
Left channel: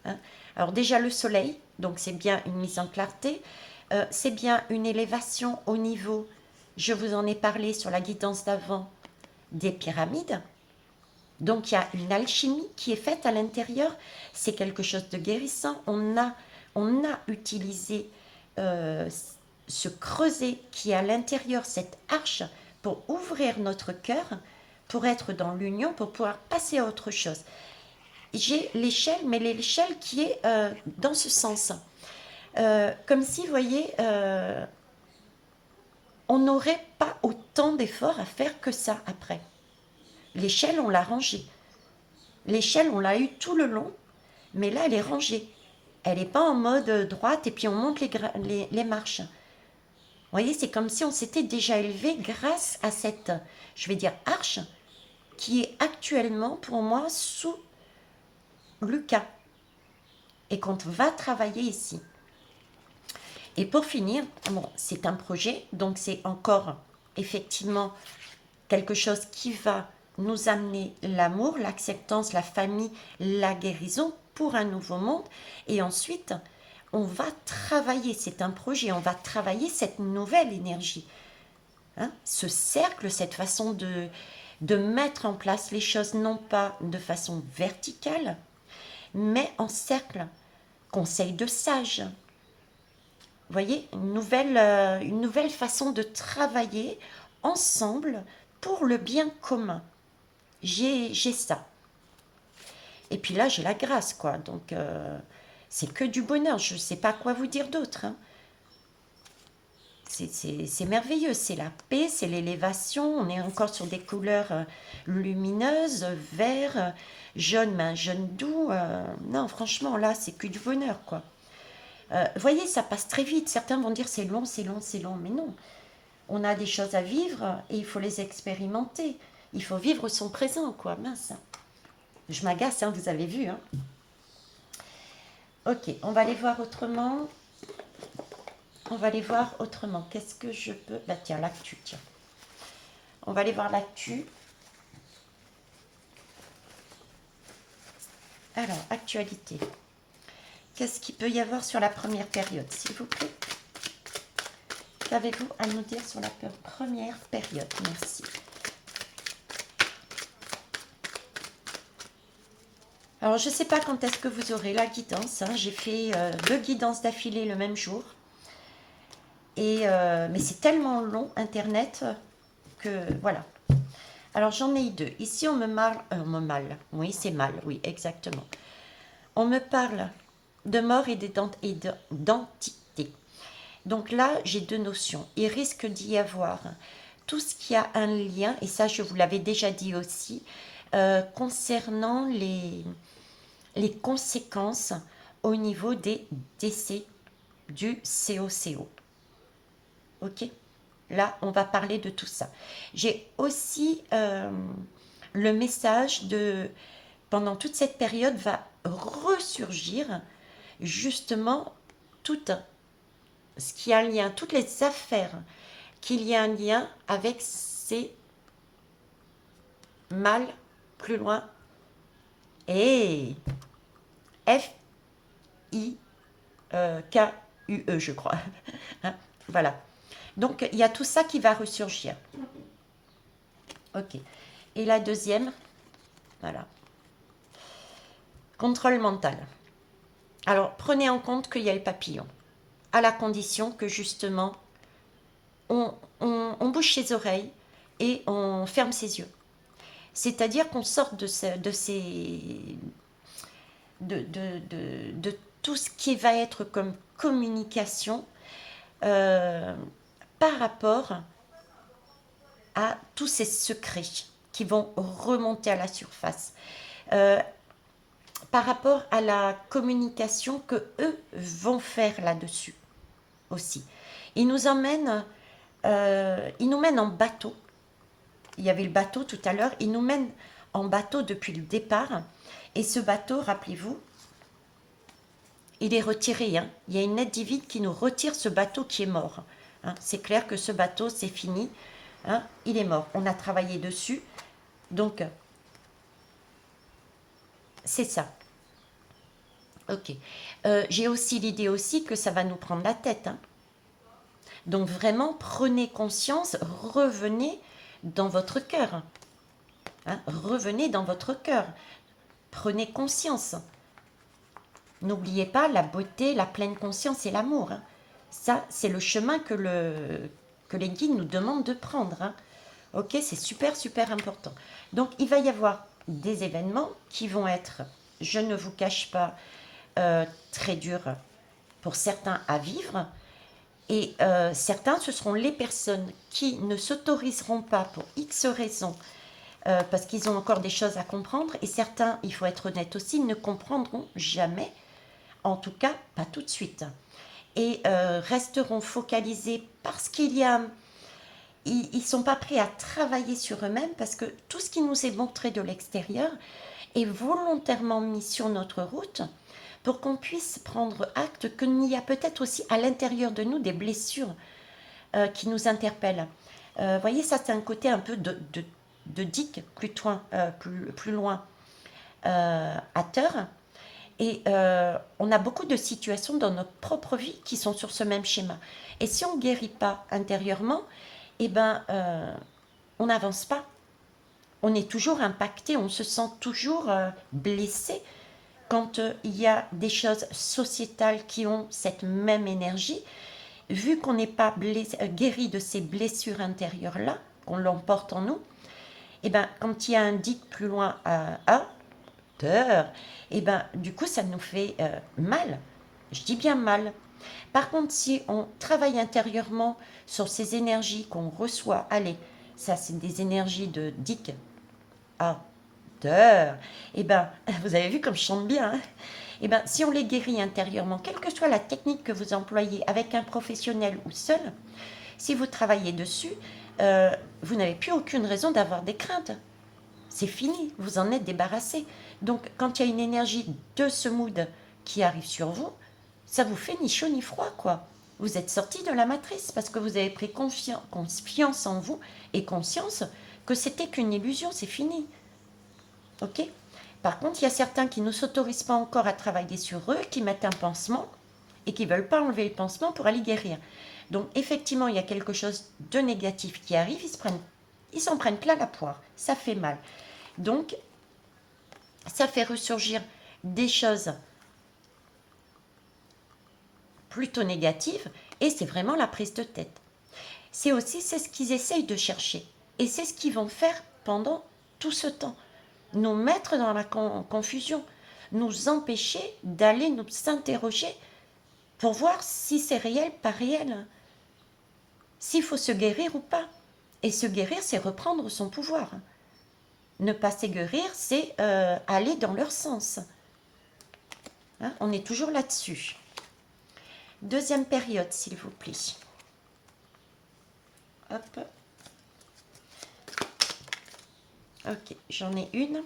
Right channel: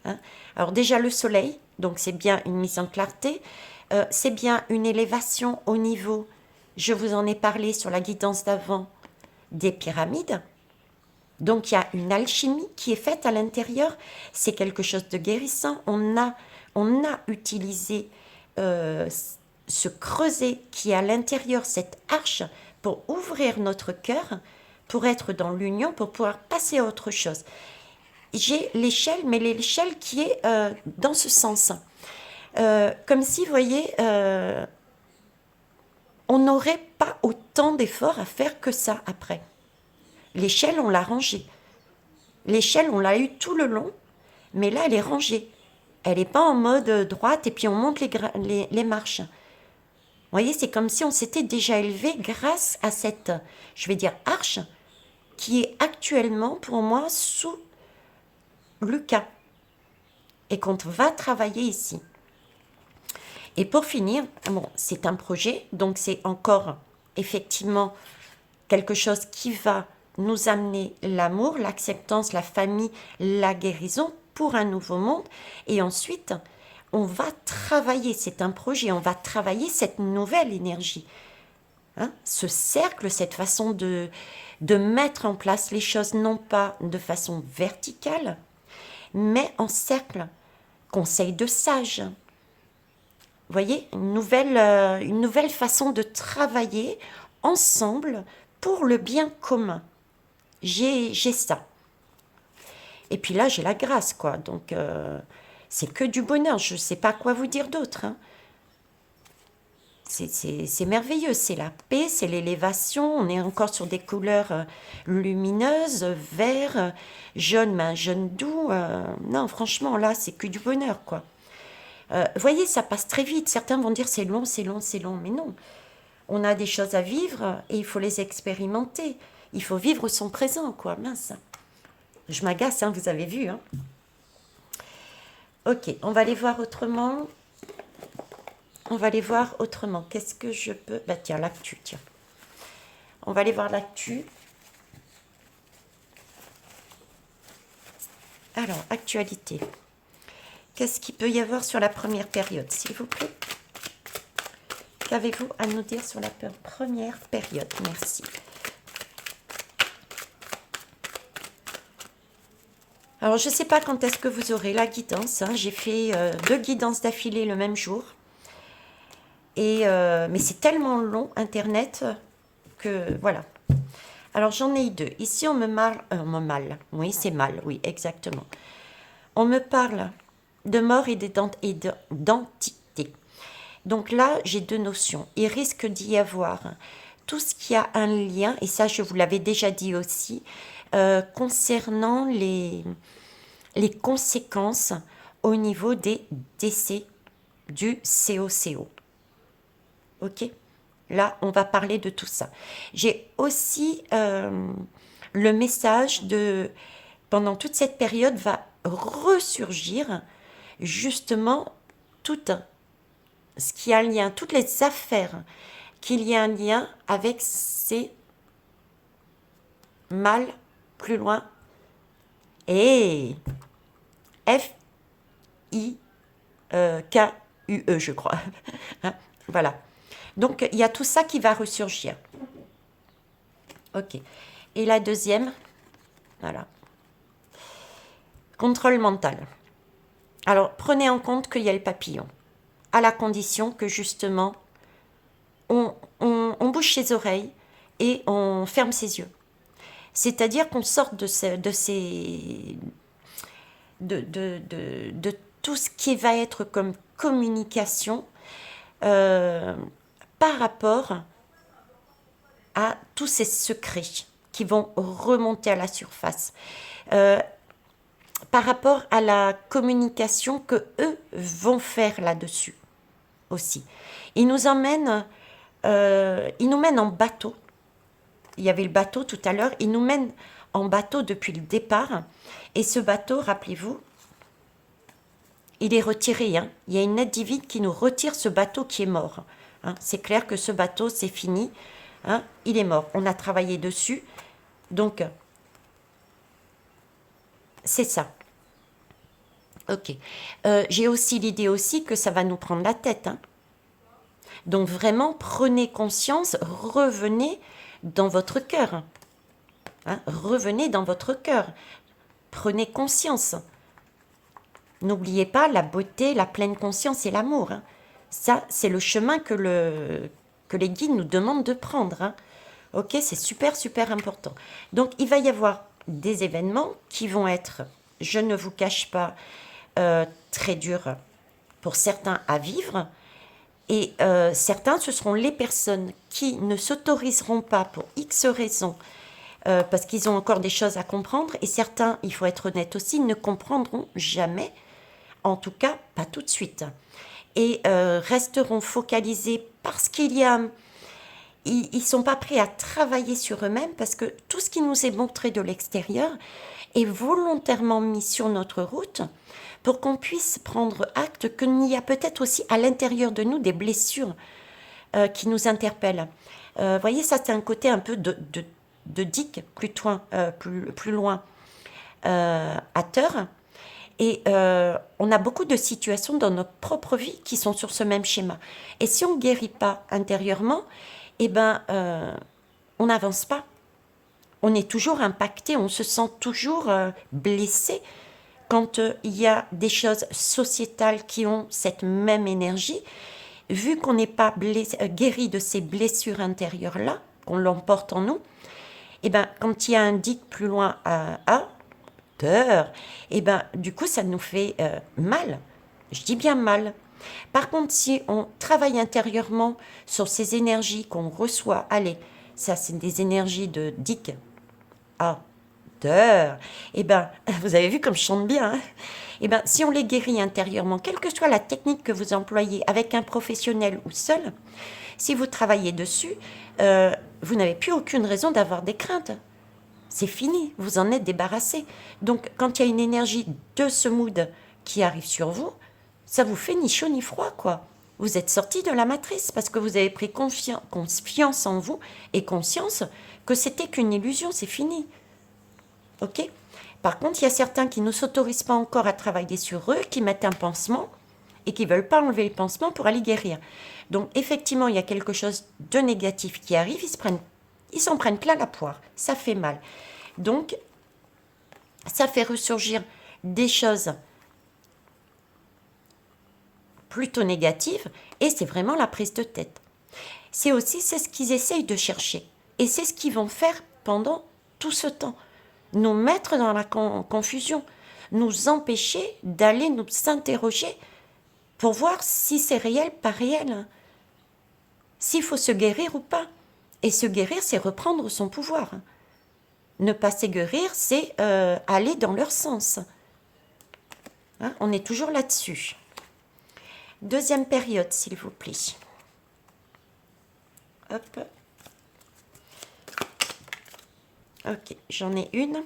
Hein. Alors déjà, le soleil, donc c'est bien une mise en clarté. C'est bien une élévation au niveau, je vous en ai parlé sur la guidance d'avant, des pyramides. Donc il y a une alchimie qui est faite à l'intérieur. C'est quelque chose de guérissant. On a utilisé ce creuset qui est à l'intérieur, cette arche, pour ouvrir notre cœur, pour être dans l'union, pour pouvoir passer à autre chose. J'ai l'échelle, mais l'échelle qui est dans ce sens. Comme si, vous voyez, on n'aurait pas autant d'efforts à faire que ça après. L'échelle, on l'a rangée. L'échelle, on l'a eu tout le long, mais là, elle est rangée. Elle n'est pas en mode droite et puis on monte les marches. Vous voyez, c'est comme si on s'était déjà élevé grâce à cette, je vais dire, arche qui est actuellement pour moi sous Lucas et qu'on va travailler ici. Et pour finir, bon, c'est un projet, donc c'est encore effectivement quelque chose qui va nous amener l'amour, l'acceptance, la famille, la guérison pour un nouveau monde. Et ensuite, on va travailler, c'est un projet, on va travailler cette nouvelle énergie. Hein, ce cercle, cette façon de mettre en place les choses, non pas de façon verticale, mais en cercle, conseil de sages. Vous voyez, une nouvelle façon de travailler ensemble pour le bien commun. J'ai ça. Et puis là, j'ai la grâce, quoi. Donc, c'est que du bonheur. Je ne sais pas quoi vous dire d'autre, hein. C'est merveilleux, c'est la paix, c'est l'élévation. On est encore sur des couleurs lumineuses, vert, jaune, mais un jaune doux. Non, franchement, là, c'est que du bonheur, quoi. Vous voyez, ça passe très vite. Certains vont dire c'est long, c'est long, c'est long. Mais non, on a des choses à vivre et il faut les expérimenter. Il faut vivre son présent, quoi. Mince. Je m'agace, hein, vous avez vu, hein. Ok, on va aller voir autrement. On va aller voir autrement. Qu'est-ce que je peux... Bah tiens, l'actu, tiens. On va aller voir l'actu. Alors, actualité. Qu'est-ce qu'il peut y avoir sur la première période, s'il vous plaît? Qu'avez-vous à nous dire sur la première période? Merci. Alors, je ne sais pas quand est-ce que vous aurez la guidance, hein. J'ai fait 2 guidances d'affilée le même jour. Et, mais c'est tellement long, Internet, que voilà. Alors, j'en ai eu 2. Ici, on me mal. Oui, c'est mal, oui, exactement. On me parle de mort et d'entité. Donc là, j'ai 2 notions. Il risque d'y avoir tout ce qui a un lien, et ça, je vous l'avais déjà dit aussi, concernant les conséquences au niveau des décès du COCO. Ok? Là, on va parler de tout ça. J'ai aussi le message de, pendant toute cette période, va ressurgir justement tout ce qui a un lien, toutes les affaires qu'il y a un lien avec ces mâles plus loin. Et F-I-K-U-E, je crois. Hein, voilà. Donc, il y a tout ça qui va ressurgir. Ok. Et la deuxième, voilà. Contrôle mental. Alors, prenez en compte qu'il y a le papillon, à la condition que justement, on bouche ses oreilles et on ferme ses yeux. C'est-à-dire qu'on sorte de tout ce qui va être comme communication euh, par rapport à tous ces secrets qui vont remonter à la surface. Euh, Par rapport à la communication que eux vont faire là-dessus aussi. Ils nous emmènent, ils nous mènent en bateau. Il y avait le bateau tout à l'heure. Ils nous mènent en bateau depuis le départ. Et ce bateau, rappelez-vous, il est retiré, hein. Il y a une aide divine qui nous retire ce bateau qui est mort, hein. C'est clair que ce bateau, c'est fini, hein. Il est mort. On a travaillé dessus. Donc, c'est ça. Ok. J'ai aussi l'idée aussi que ça va nous prendre la tête, hein. Donc vraiment, prenez conscience, revenez dans votre cœur, hein. Revenez dans votre cœur. Prenez conscience. N'oubliez pas la beauté, la pleine conscience et l'amour, hein. Ça, c'est le chemin que les guides nous demandent de prendre, hein. Ok, c'est super, super important. Donc, il va y avoir des événements qui vont être, je ne vous cache pas, très durs pour certains à vivre. Et certains, ce seront les personnes qui ne s'autoriseront pas pour X raisons, parce qu'ils ont encore des choses à comprendre. Et certains, il faut être honnête aussi, ne comprendront jamais, en tout cas pas tout de suite. Et resteront focalisés parce qu'il y a... Ils ne sont pas prêts à travailler sur eux-mêmes parce que tout ce qui nous est montré de l'extérieur est volontairement mis sur notre route pour qu'on puisse prendre acte qu'il y a peut-être aussi à l'intérieur de nous des blessures qui nous interpellent. Vous voyez, ça c'est un côté un peu de digue plus loin à terre. Et on a beaucoup de situations dans notre propre vie qui sont sur ce même schéma. Et si on ne guérit pas intérieurement, eh ben, on n'avance pas. On est toujours impacté, on se sent toujours blessé quand il y a des choses sociétales qui ont cette même énergie, vu qu'on n'est pas guéri de ces blessures intérieures-là, qu'on l'emporte en nous, et ben quand il y a un dit plus loin à peur, et ben du coup ça nous fait mal. Je dis bien mal. Par contre, si on travaille intérieurement sur ces énergies qu'on reçoit, allez, ça c'est des énergies de dick, ah, d'heure, et ben, vous avez vu comme je chante bien, hein. Et ben, si on les guérit intérieurement, quelle que soit la technique que vous employez, avec un professionnel ou seul, si vous travaillez dessus, vous n'avez plus aucune raison d'avoir des craintes. C'est fini, vous en êtes débarrassé. Donc, quand il y a une énergie de ce mood qui arrive sur vous, ça vous fait ni chaud ni froid, quoi. Vous êtes sorti de la matrice parce que vous avez pris confiance en vous et conscience que c'était qu'une illusion, c'est fini. Ok? Par contre, il y a certains qui ne s'autorisent pas encore à travailler sur eux, qui mettent un pansement et qui ne veulent pas enlever le pansement pour aller guérir. Donc, effectivement, il y a quelque chose de négatif qui arrive, ils s'en prennent plein la poire. Ça fait mal. Donc, ça fait ressurgir des choses plutôt négatives et c'est vraiment la prise de tête. C'est ce qu'ils essayent de chercher et c'est ce qu'ils vont faire pendant tout ce temps. Nous mettre dans la confusion, nous empêcher d'aller nous interroger pour voir si c'est réel, pas réel, s'il faut se guérir ou pas. Et se guérir, c'est reprendre son pouvoir. Ne pas se guérir, c'est aller dans leur sens. Hein, on est toujours là-dessus. Deuxième période, s'il vous plaît. Hop. Ok, j'en ai une.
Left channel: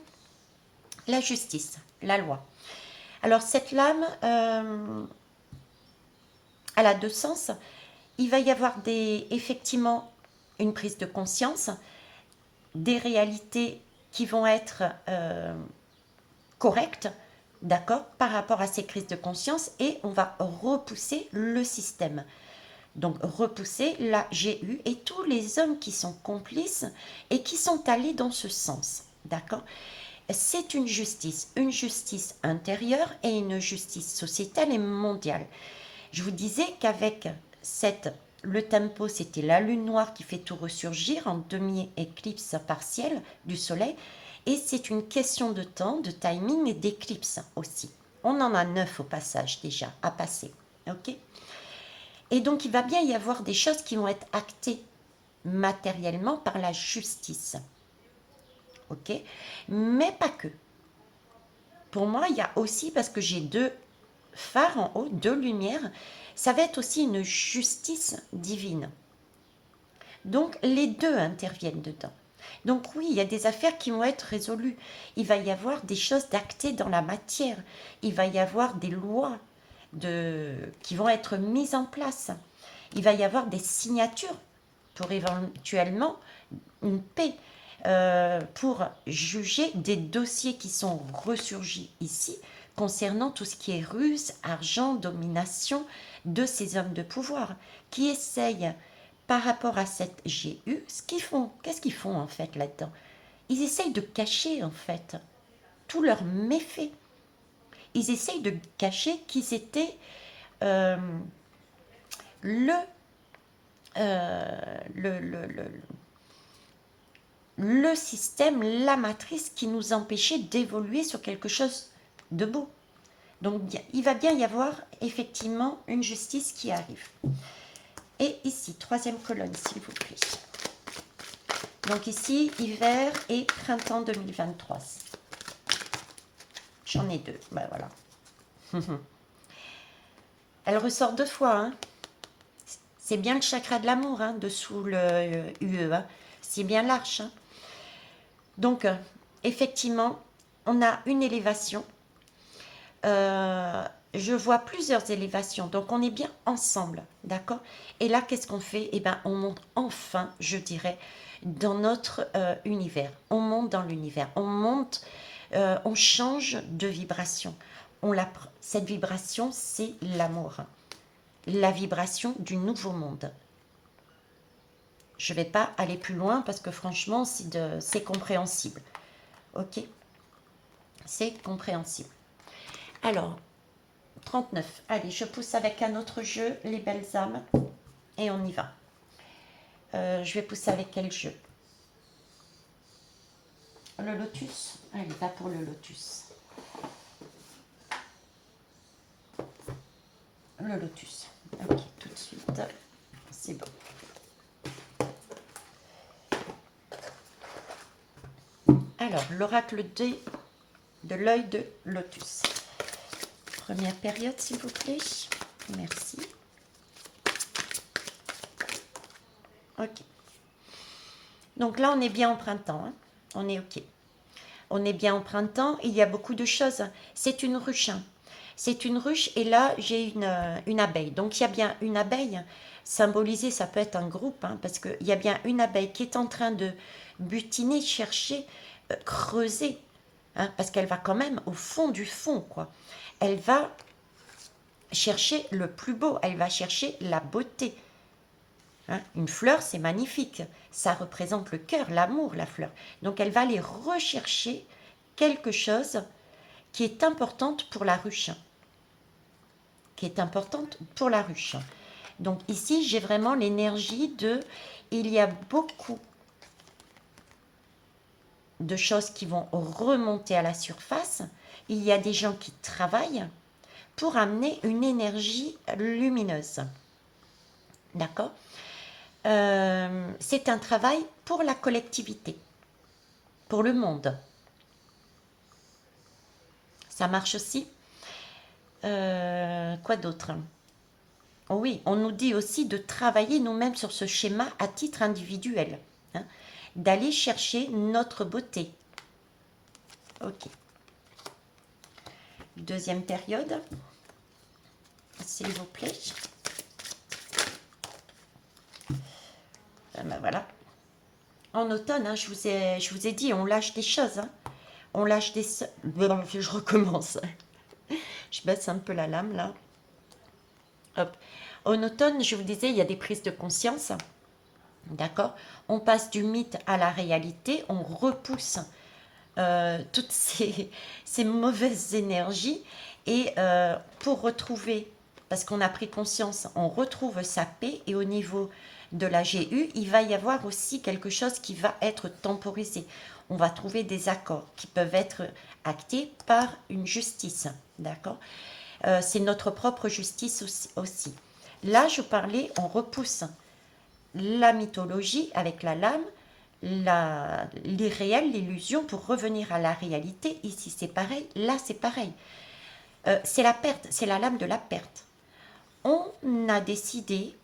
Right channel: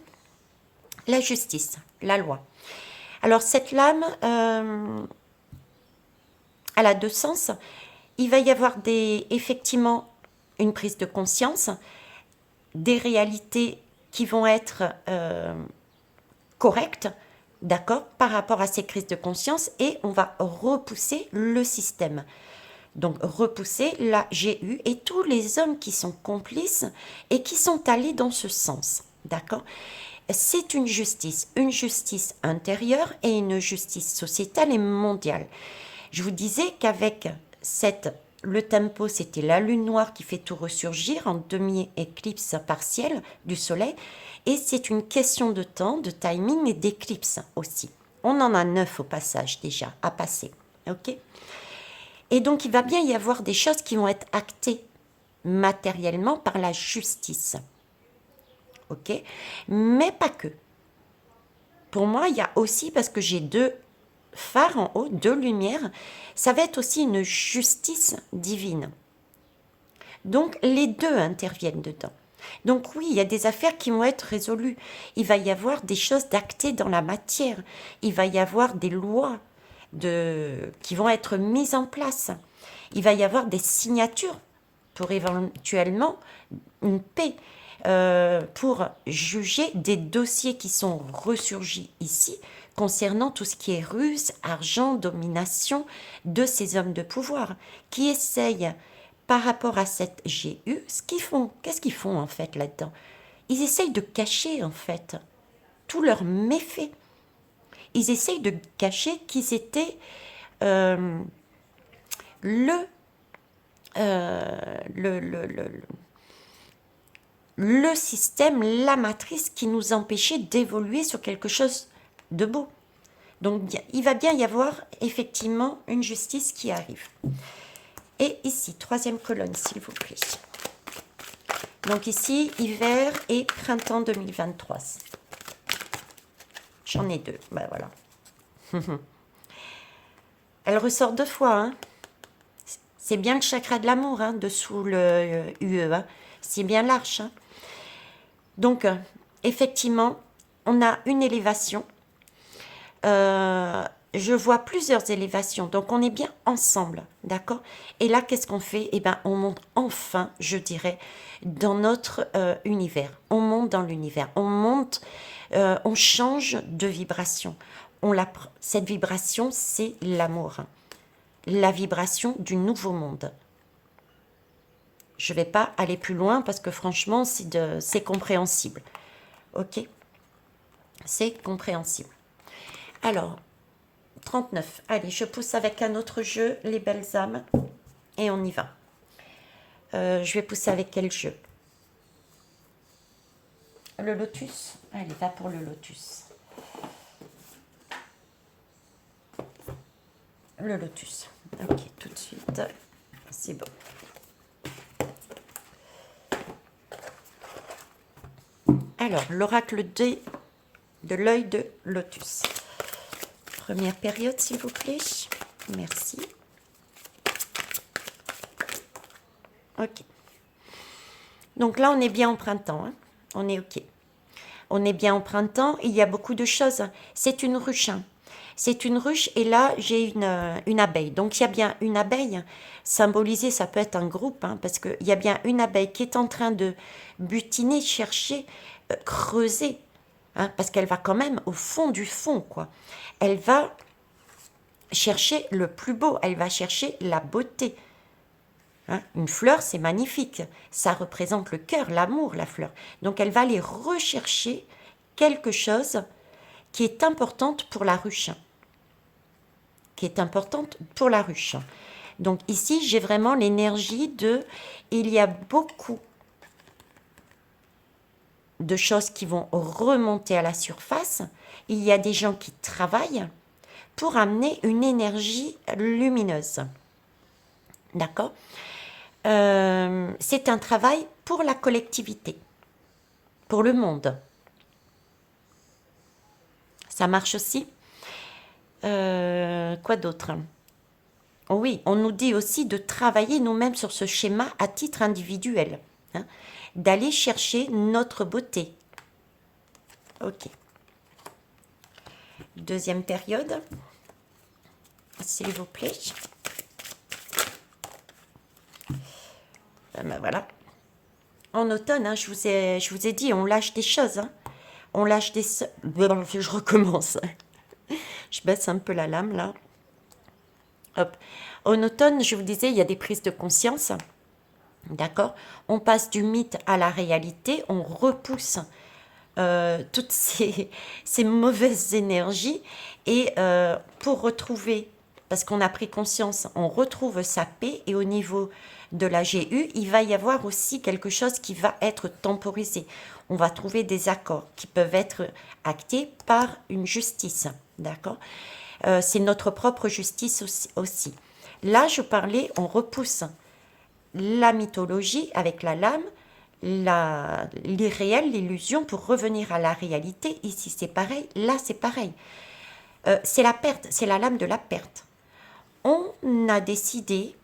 La justice, la loi. Alors, cette lame, elle a deux sens. Il va y avoir effectivement une prise de conscience, des réalités qui vont être correctes, d'accord, par rapport à ces crises de conscience, et on va repousser le système. Donc repousser la GU et tous les hommes qui sont complices et qui sont allés dans ce sens, d'accord. C'est une justice intérieure et une justice sociétale et mondiale. Je vous disais qu'avec le tempo, c'était la lune noire qui fait tout ressurgir en demi-éclipse partielle du soleil. Et c'est une question de temps, de timing et d'éclipse aussi. On en a 9 au passage déjà à passer. Ok. Et donc il va bien y avoir des choses qui vont être actées matériellement par la justice. Ok. Mais pas que. Pour moi, il y a aussi, parce que j'ai deux phares en haut, deux lumières, ça va être aussi une justice divine. Donc les deux interviennent dedans. Donc oui, il y a des affaires qui vont être résolues. Il va y avoir des choses d'actées dans la matière. Il va y avoir des lois qui vont être mises en place. Il va y avoir des signatures pour éventuellement une paix, pour juger des dossiers qui sont ressurgis ici concernant tout ce qui est ruse, argent, domination de ces hommes de pouvoir qui essayent par rapport à cette GU, qu'est-ce qu'ils font en fait là-dedans? Ils essayent de cacher en fait tous leurs méfaits. Ils essayent de cacher qu'ils étaient euh, le, le système, la matrice qui nous empêchait d'évoluer sur quelque chose de beau. Donc il va bien y avoir effectivement une justice qui arrive. Et ici, troisième colonne, s'il vous plaît. Donc ici, hiver et printemps 2023. J'en ai deux, ben voilà. Elle ressort deux fois, hein. C'est bien le chakra de l'amour, hein, dessous le UE, hein. C'est bien l'arche, hein. Donc, effectivement, on a une élévation. Je vois plusieurs élévations, donc on est bien ensemble, d'accord. Et là, qu'est-ce qu'on fait? Eh bien, on monte enfin, je dirais, dans notre univers. On monte dans l'univers, on monte, on change de vibration. Cette vibration, c'est l'amour, la vibration du nouveau monde. Je ne vais pas aller plus loin parce que franchement, c'est compréhensible. Ok? C'est compréhensible. Alors, 39. Allez, je pousse avec un autre jeu, les belles âmes, et on y va. Je vais pousser avec quel jeu? Le lotus? Allez, va pour le lotus. Le lotus. Ok, tout de suite. C'est bon. Alors, l'oracle de l'œil de lotus. Première période, s'il vous plaît. Merci. Ok. Donc là, on est bien au printemps. Hein. On est ok. On est bien au printemps. Il y a beaucoup de choses. C'est une ruche. Hein. C'est une ruche et là, j'ai une abeille. Donc, il y a bien une abeille. Symbolisée, ça peut être un groupe, hein, parce qu'il y a bien une abeille qui est en train de butiner, chercher, creuser. Hein, parce qu'elle va quand même au fond du fond, quoi. Elle va chercher le plus beau. Elle va chercher la beauté. Hein, une fleur, c'est magnifique. Ça représente le cœur, l'amour, la fleur. Donc, elle va aller rechercher quelque chose qui est importante pour la ruche. Qui est importante pour la ruche. Donc, ici, j'ai vraiment l'énergie de... Il y a beaucoup de choses qui vont remonter à la surface. Il y a des gens qui travaillent pour amener une énergie lumineuse. D'accord? C'est un travail pour la collectivité, pour le monde. Ça marche aussi. Quoi d'autre? Oui, on nous dit aussi de travailler nous-mêmes sur ce schéma à titre individuel, hein, d'aller chercher notre beauté. Ok. Deuxième période, s'il vous plaît. Ben voilà. En automne, hein, je vous ai dit, on lâche des choses. Hein. On lâche des... Je recommence. Je baisse un peu la lame, là. Hop. En automne, je vous disais, il y a des prises de conscience. D'accord? On passe du mythe à la réalité. On repousse toutes ces mauvaises énergies. Et pour retrouver, parce qu'on a pris conscience, on retrouve sa paix. Et au niveau de la GU, il va y avoir aussi quelque chose qui va être temporisé. On va trouver des accords qui peuvent être actés par une justice. D'accord? C'est notre propre justice aussi. Là, je parlais, on repousse la mythologie avec la lame, l'irréel, l'illusion pour revenir à la réalité. Ici, c'est pareil. Là, c'est pareil. C'est la perte, c'est la lame de la perte. On a décidé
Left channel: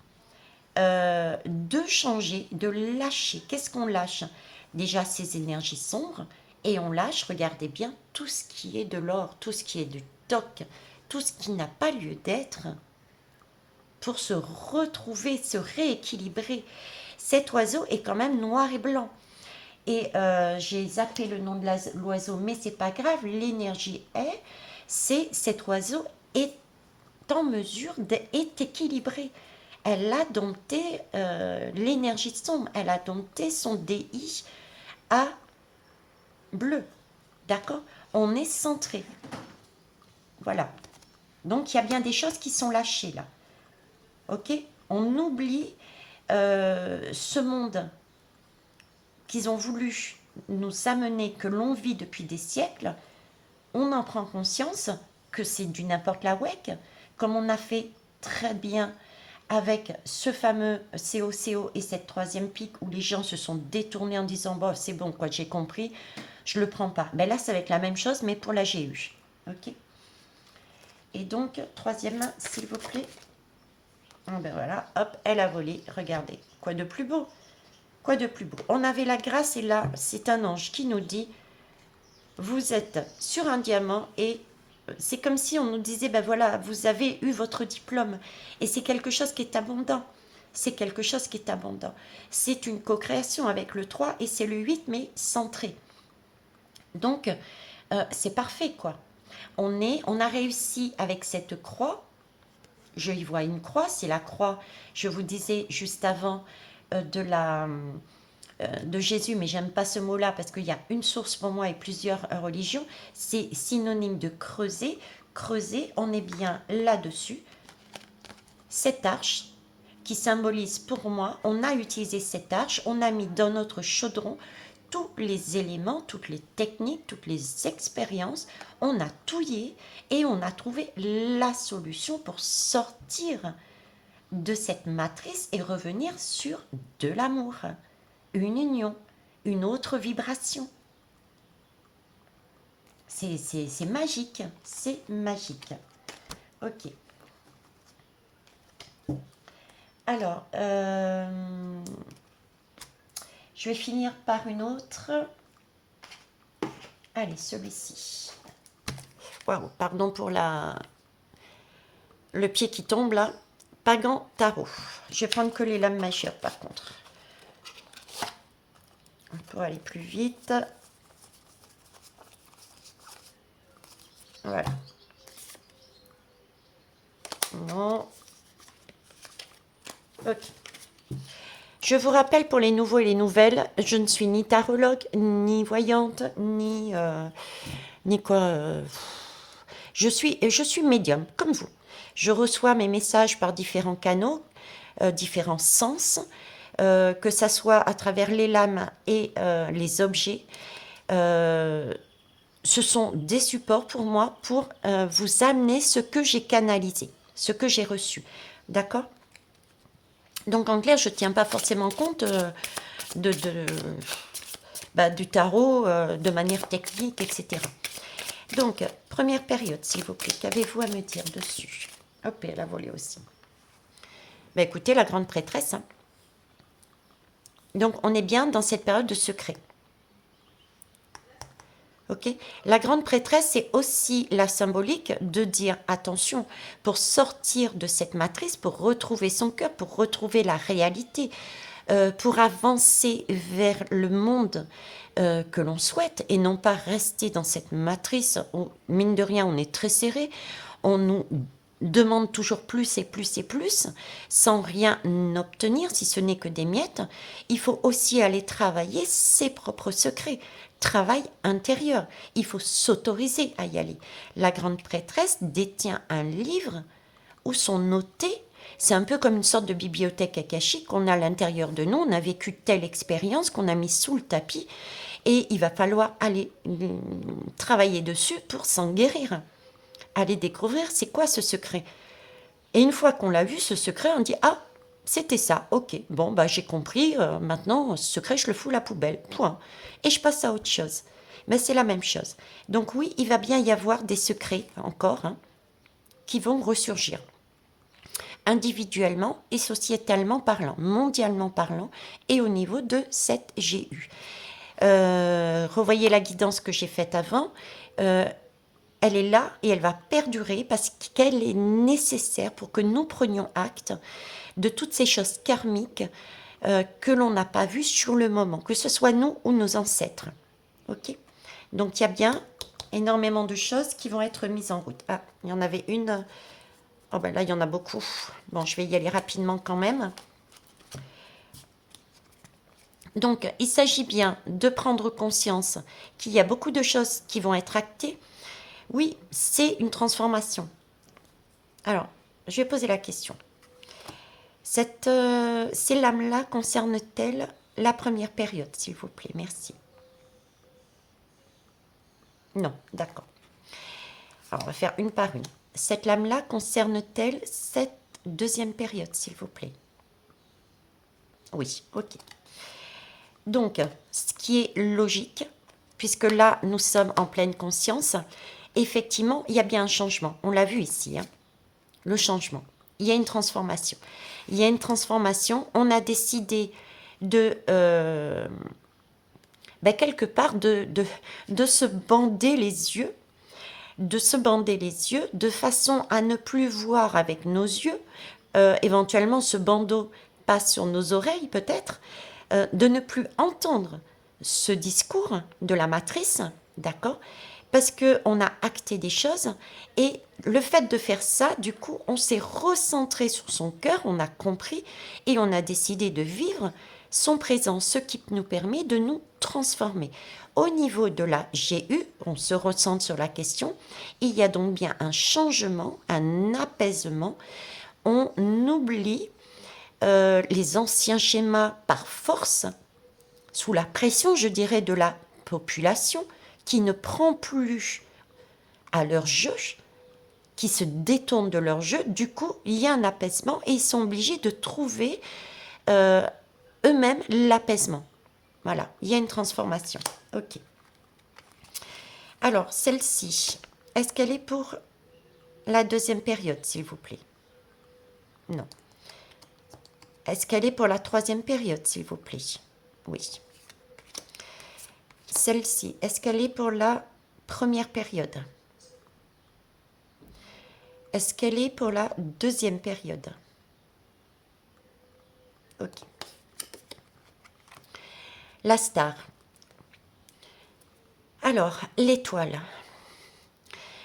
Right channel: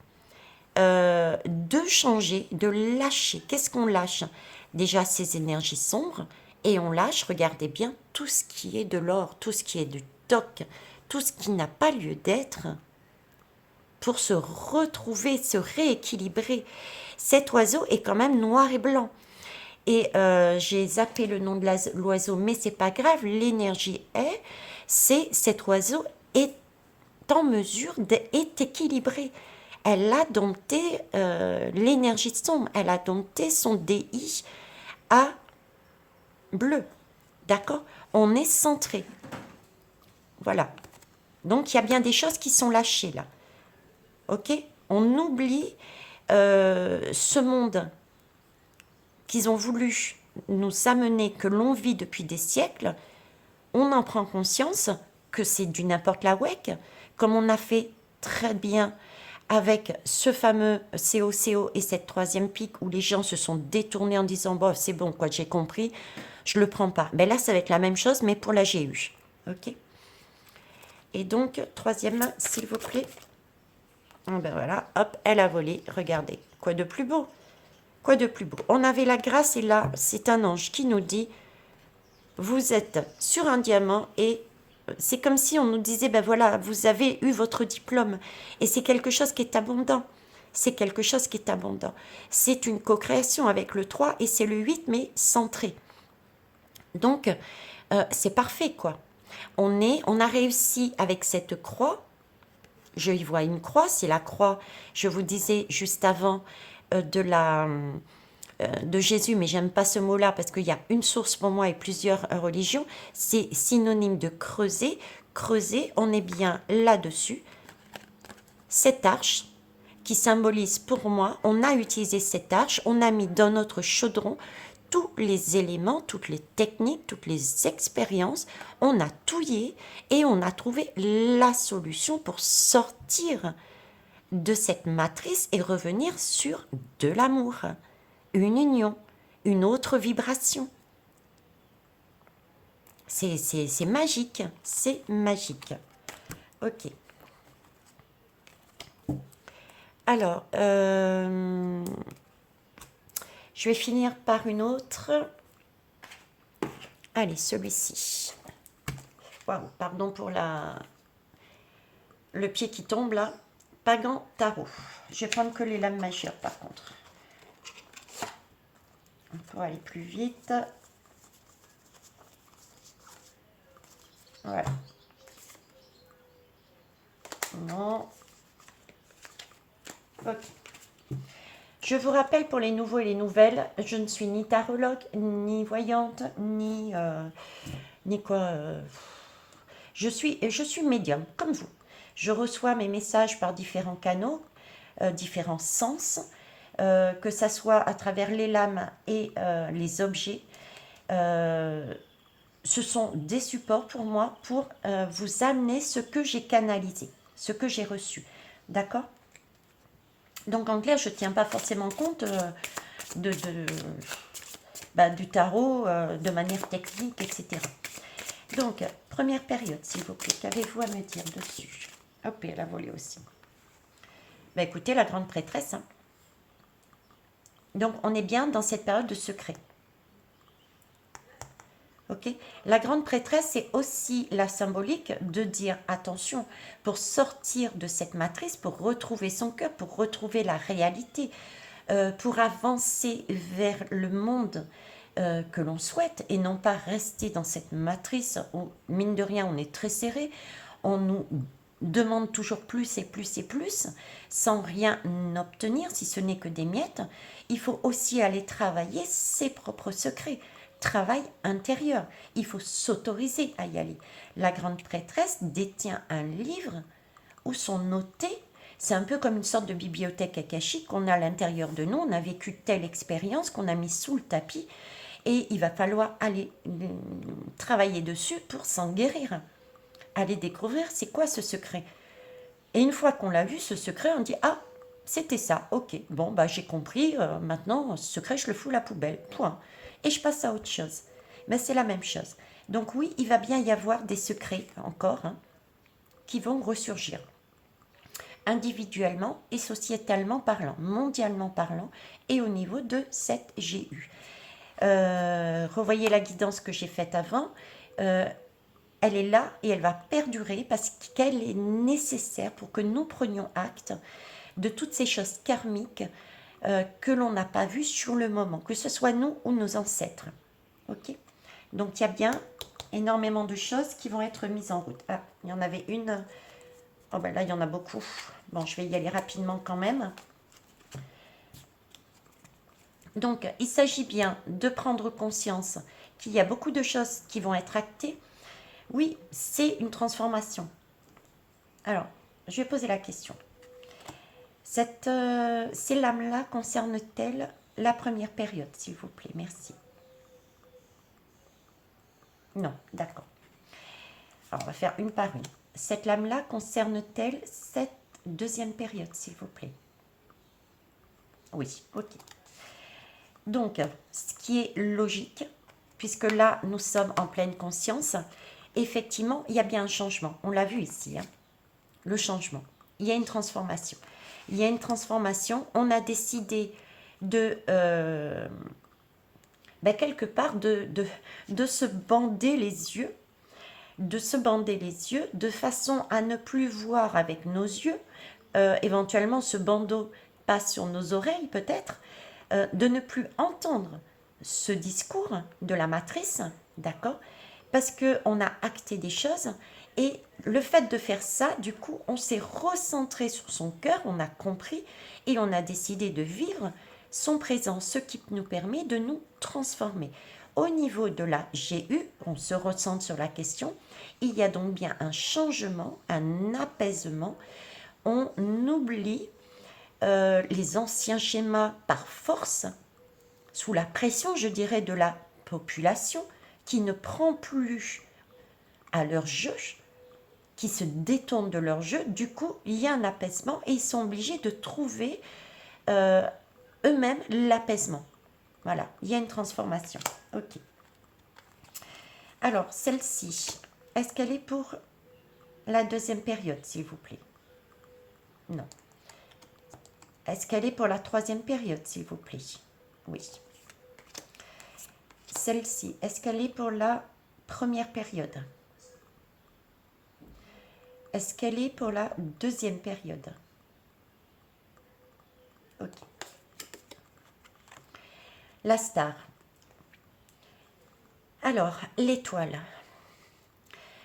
de changer, de lâcher. Qu'est-ce qu'on lâche? Déjà, ces énergies sombres. Et on lâche, regardez bien, tout ce qui est de l'or, tout ce qui est du toc, tout ce qui n'a pas lieu d'être, pour se retrouver, se rééquilibrer. Cet oiseau est quand même noir et blanc. Et j'ai zappé le nom de l'oiseau, mais c'est pas grave, l'énergie cet oiseau est en mesure d'être équilibré. Elle a dompté l'énergie sombre, elle a dompté son DI à bleu. D'accord? On est centré. Voilà. Donc, il y a bien des choses qui sont lâchées là. Ok? On oublie ce monde qu'ils ont voulu nous amener, que l'on vit depuis des siècles. On en prend conscience que c'est du n'importe la WEC, comme on a fait très bien avec ce fameux COCO et cette troisième pique où les gens se sont détournés en disant bon, c'est bon, quoi, j'ai compris, je le prends pas. Ben là, ça va être la même chose, mais pour la GU. Ok? Et donc, troisième main, s'il vous plaît. Ben voilà, hop, elle a volé. Regardez, quoi de plus beau? Quoi de plus beau? On avait la grâce et là, c'est un ange qui nous dit, vous êtes sur un diamant et c'est comme si on nous disait, ben voilà, vous avez eu votre diplôme. Et c'est quelque chose qui est abondant. C'est quelque chose qui est abondant. C'est une co-création avec le 3 et c'est le 8, mais centré. Donc, c'est parfait, quoi. On a réussi avec cette croix. Je y vois une croix, c'est la croix, je vous disais juste avant, de Jésus, mais j'aime pas ce mot-là parce qu'il y a une source pour moi et plusieurs religions. C'est synonyme de creuser. creuser, on est bien là-dessus. Cette arche qui symbolise pour moi, on a utilisé cette arche, on a mis dans notre chaudron tous les éléments, toutes les techniques, toutes les expériences, on a touillé et on a trouvé la solution pour sortir de cette matrice et revenir sur de l'amour, une union, une autre vibration. C'est magique, c'est magique. Ok. Alors, je vais finir par une autre. Allez, celui-ci. Waouh, pardon pour le pied qui tombe là. Pagan Tarot. Je vais prendre que les lames majeures par contre. On peut aller plus vite. Voilà. Non. Ok. Je vous rappelle pour les nouveaux et les nouvelles, je ne suis ni tarologue, ni voyante, ni quoi. Je suis médium, comme vous. Je reçois mes messages par différents canaux, différents sens, que ça soit à travers les lames et les objets. Ce sont des supports pour moi pour vous amener ce que j'ai canalisé, ce que j'ai reçu. D'accord? Donc en clair, je ne tiens pas forcément compte du tarot de manière technique, etc. Donc, première période, s'il vous plaît, qu'avez-vous à me dire dessus? Hop, et elle a volé aussi. Ben, écoutez, la grande prêtresse. Hein. Donc, on est bien dans cette période de secret. Ok. La grande prêtresse, c'est aussi la symbolique de dire attention, pour sortir de cette matrice, pour retrouver son cœur, pour retrouver la réalité, pour avancer vers le monde que l'on souhaite et non pas rester dans cette matrice où, mine de rien, on est très serré, on nous demande toujours plus et plus et plus sans rien obtenir, si ce n'est que des miettes. Il faut aussi aller travailler ses propres secrets. Travail intérieur. Il faut s'autoriser à y aller. La grande prêtresse détient un livre où sont notés, c'est un peu comme une sorte de bibliothèque akashique qu'on a à l'intérieur de nous. On a vécu telle expérience qu'on a mis sous le tapis et il va falloir aller travailler dessus pour s'en guérir. Aller découvrir c'est quoi ce secret. Et une fois qu'on l'a vu, ce secret, on dit ah, c'était ça, ok, bon, bah j'ai compris, maintenant, ce secret, je le fous à la poubelle, point. Et je passe à autre chose. Mais c'est la même chose. Donc oui, il va bien y avoir des secrets encore hein, qui vont ressurgir. Individuellement et sociétalement parlant, mondialement parlant, et au niveau de cette GU. Revoyez la guidance que j'ai faite avant. Elle est là et elle va perdurer parce qu'elle est nécessaire pour que nous prenions acte de toutes ces choses karmiques que l'on n'a pas vues sur le moment, que ce soit nous ou nos ancêtres. Ok. Donc il y a bien énormément de choses qui vont être mises en route. Ah, il y en avait une. Oh ben là, il y en a beaucoup. Bon, je vais y aller rapidement quand même. Donc, il s'agit bien de prendre conscience qu'il y a beaucoup de choses qui vont être actées. Oui, c'est une transformation. Alors, je vais poser la question. Ces lames-là concernent-elles la première période, s'il vous plaît? Merci. Non, d'accord. Alors, on va faire une par une. Cette lame-là concerne-t-elle cette deuxième période, s'il vous plaît? Oui, ok. Donc, ce qui est logique, puisque là, nous sommes en pleine conscience, effectivement, il y a bien un changement. On l'a vu ici, hein, le changement. Il y a une transformation. Il y a une transformation. On a décidé de, quelque part, de se bander les yeux, de façon à ne plus voir avec nos yeux. Éventuellement, ce bandeau passe sur nos oreilles, peut-être, de ne plus entendre ce discours de la matrice, d'accord? Parce qu'on a acté des choses et le fait de faire ça, du coup, on s'est recentré sur son cœur, on a compris et on a décidé de vivre son présent, ce qui nous permet de nous transformer. au niveau de la GU, on se recentre sur la question, il y a donc bien un changement, un apaisement. On oublie les anciens schémas par force, sous la pression, je dirais, de la population, qui ne prend plus à leur jeu, qui se détournent de leur jeu. Du coup, il y a un apaisement et ils sont obligés de trouver euh, eux-mêmes l'apaisement. Voilà, il y a une transformation. Ok. Alors, celle-ci, est-ce qu'elle est pour la deuxième période, s'il vous plaît? Non. Est-ce qu'elle est pour la troisième période, s'il vous plaît? Oui. Celle-ci, est-ce qu'elle est pour la première période? Est-ce qu'elle est pour la deuxième période? Ok. La star. Alors, l'étoile.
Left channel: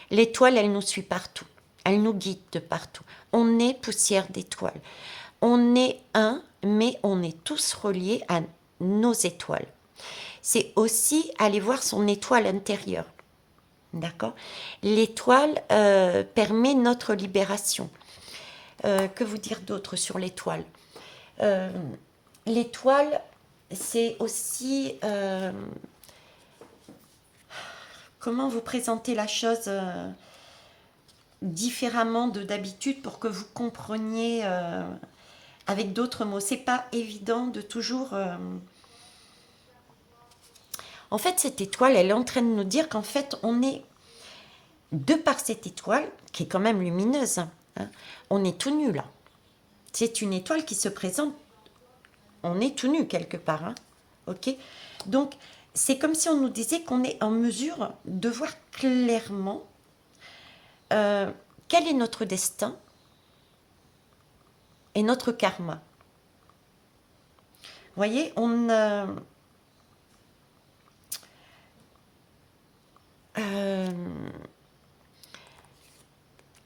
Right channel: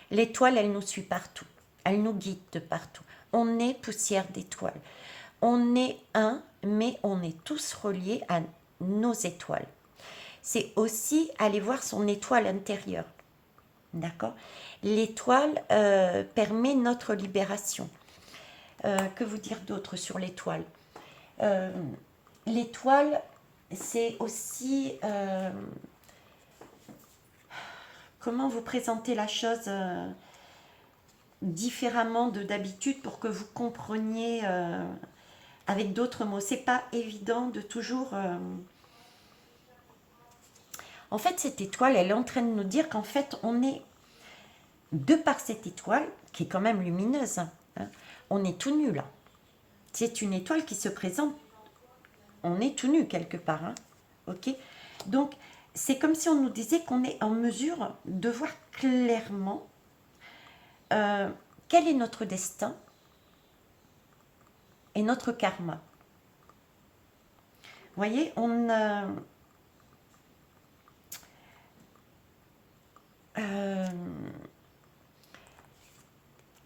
L'étoile, elle nous suit partout. Elle nous guide de partout. On est poussière d'étoiles. On est un, mais on est tous reliés à nos étoiles. C'est aussi aller voir son étoile intérieure. D'accord? L'étoile permet notre libération. Que vous dire d'autre sur l'étoile? Euh, L'étoile, c'est aussi... comment vous présenter la chose différemment de d'habitude pour que vous compreniez avec d'autres mots. C'est pas évident de toujours... En fait, cette étoile, elle est en train de nous dire qu'en fait, on est, de par cette étoile, qui est quand même lumineuse, hein, on est tout nu là. C'est une étoile qui se présente, on est tout nu quelque part. Hein, ok. Donc, c'est comme si on nous disait qu'on est en mesure de voir clairement euh, quel est notre destin et notre karma. Vous voyez,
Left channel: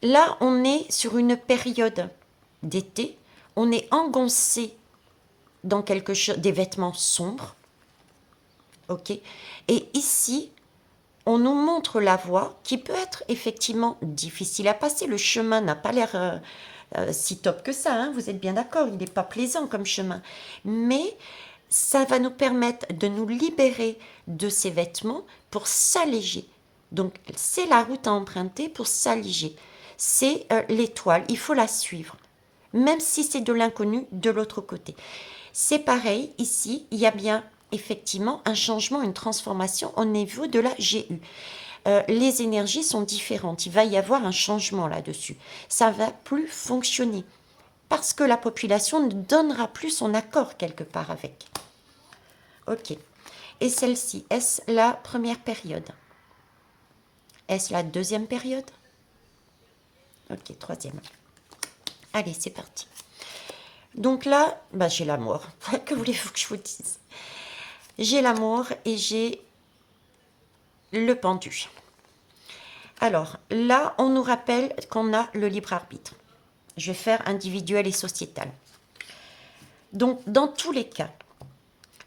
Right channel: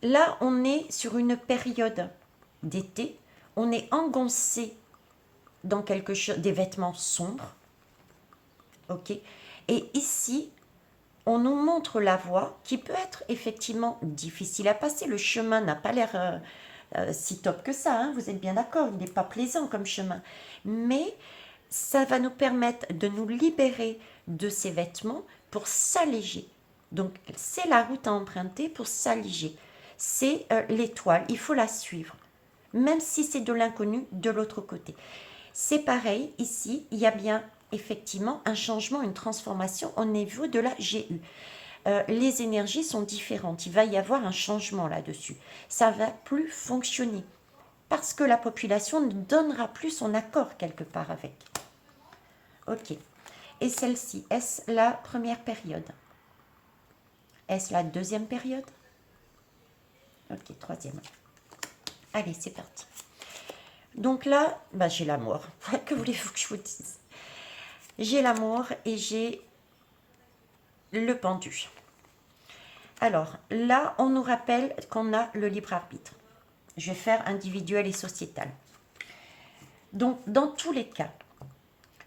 là, on est sur une période d'été, on est engoncé dans quelque chose, des vêtements sombres, ok. Et ici, on nous montre la voie qui peut être effectivement difficile à passer. Le chemin n'a pas l'air si top que ça, hein, vous êtes bien d'accord, il n'est pas plaisant comme chemin. Mais ça va nous permettre de nous libérer de ces vêtements pour s'alléger. Donc c'est la route à emprunter pour s'alléger. C'est l'étoile, il faut la suivre. Même si c'est de l'inconnu de l'autre côté. C'est pareil, ici, il y a bien effectivement un changement, une transformation au niveau de la GU. Les énergies sont différentes, il va y avoir un changement là-dessus. Ça va plus fonctionner parce que la population ne donnera plus son accord quelque part avec. Ok. Et celle-ci, est-ce la première période? Est-ce la deuxième période? Ok, troisième. Allez, c'est parti. Donc là, bah, j'ai l'amour. Que voulez-vous que je vous dise? J'ai l'amour et j'ai le pendu. Alors là, on nous rappelle qu'on a le libre arbitre. Je vais faire individuel et sociétal. Donc, dans tous les cas,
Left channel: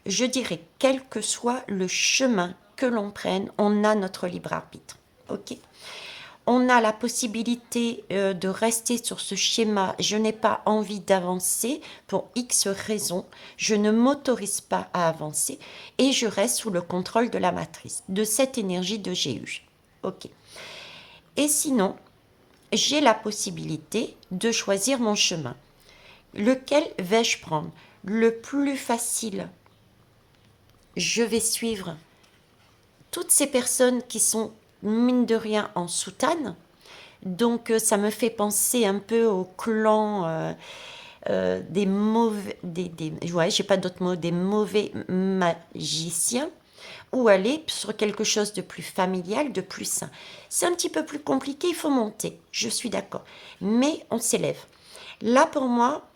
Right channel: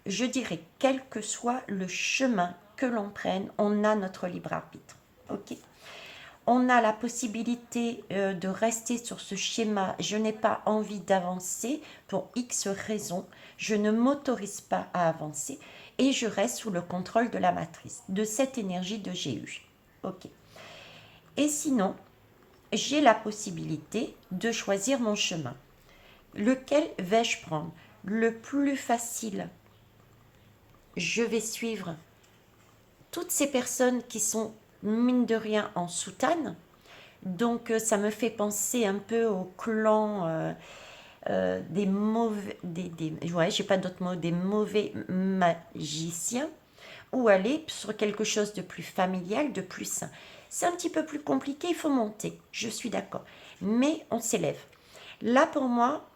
je dirais, quel que soit le chemin que l'on prenne, on a notre libre arbitre. Ok? On a la possibilité de rester sur ce schéma. Je n'ai pas envie d'avancer pour X raisons. Je ne m'autorise pas à avancer et je reste sous le contrôle de la matrice, de cette énergie de GU. Ok. Et sinon, j'ai la possibilité de choisir mon chemin. Lequel vais-je prendre? Le plus facile. Je vais suivre toutes ces personnes qui sont, mine de rien, en soutane. Donc, ça me fait penser un peu au clan des mauvais... ouais, j'ai pas d'autres mots, des mauvais magiciens. Ou aller sur quelque chose de plus familial, de plus sain. C'est un petit peu plus compliqué, il faut monter, je suis d'accord. Mais on s'élève. Là, pour moi,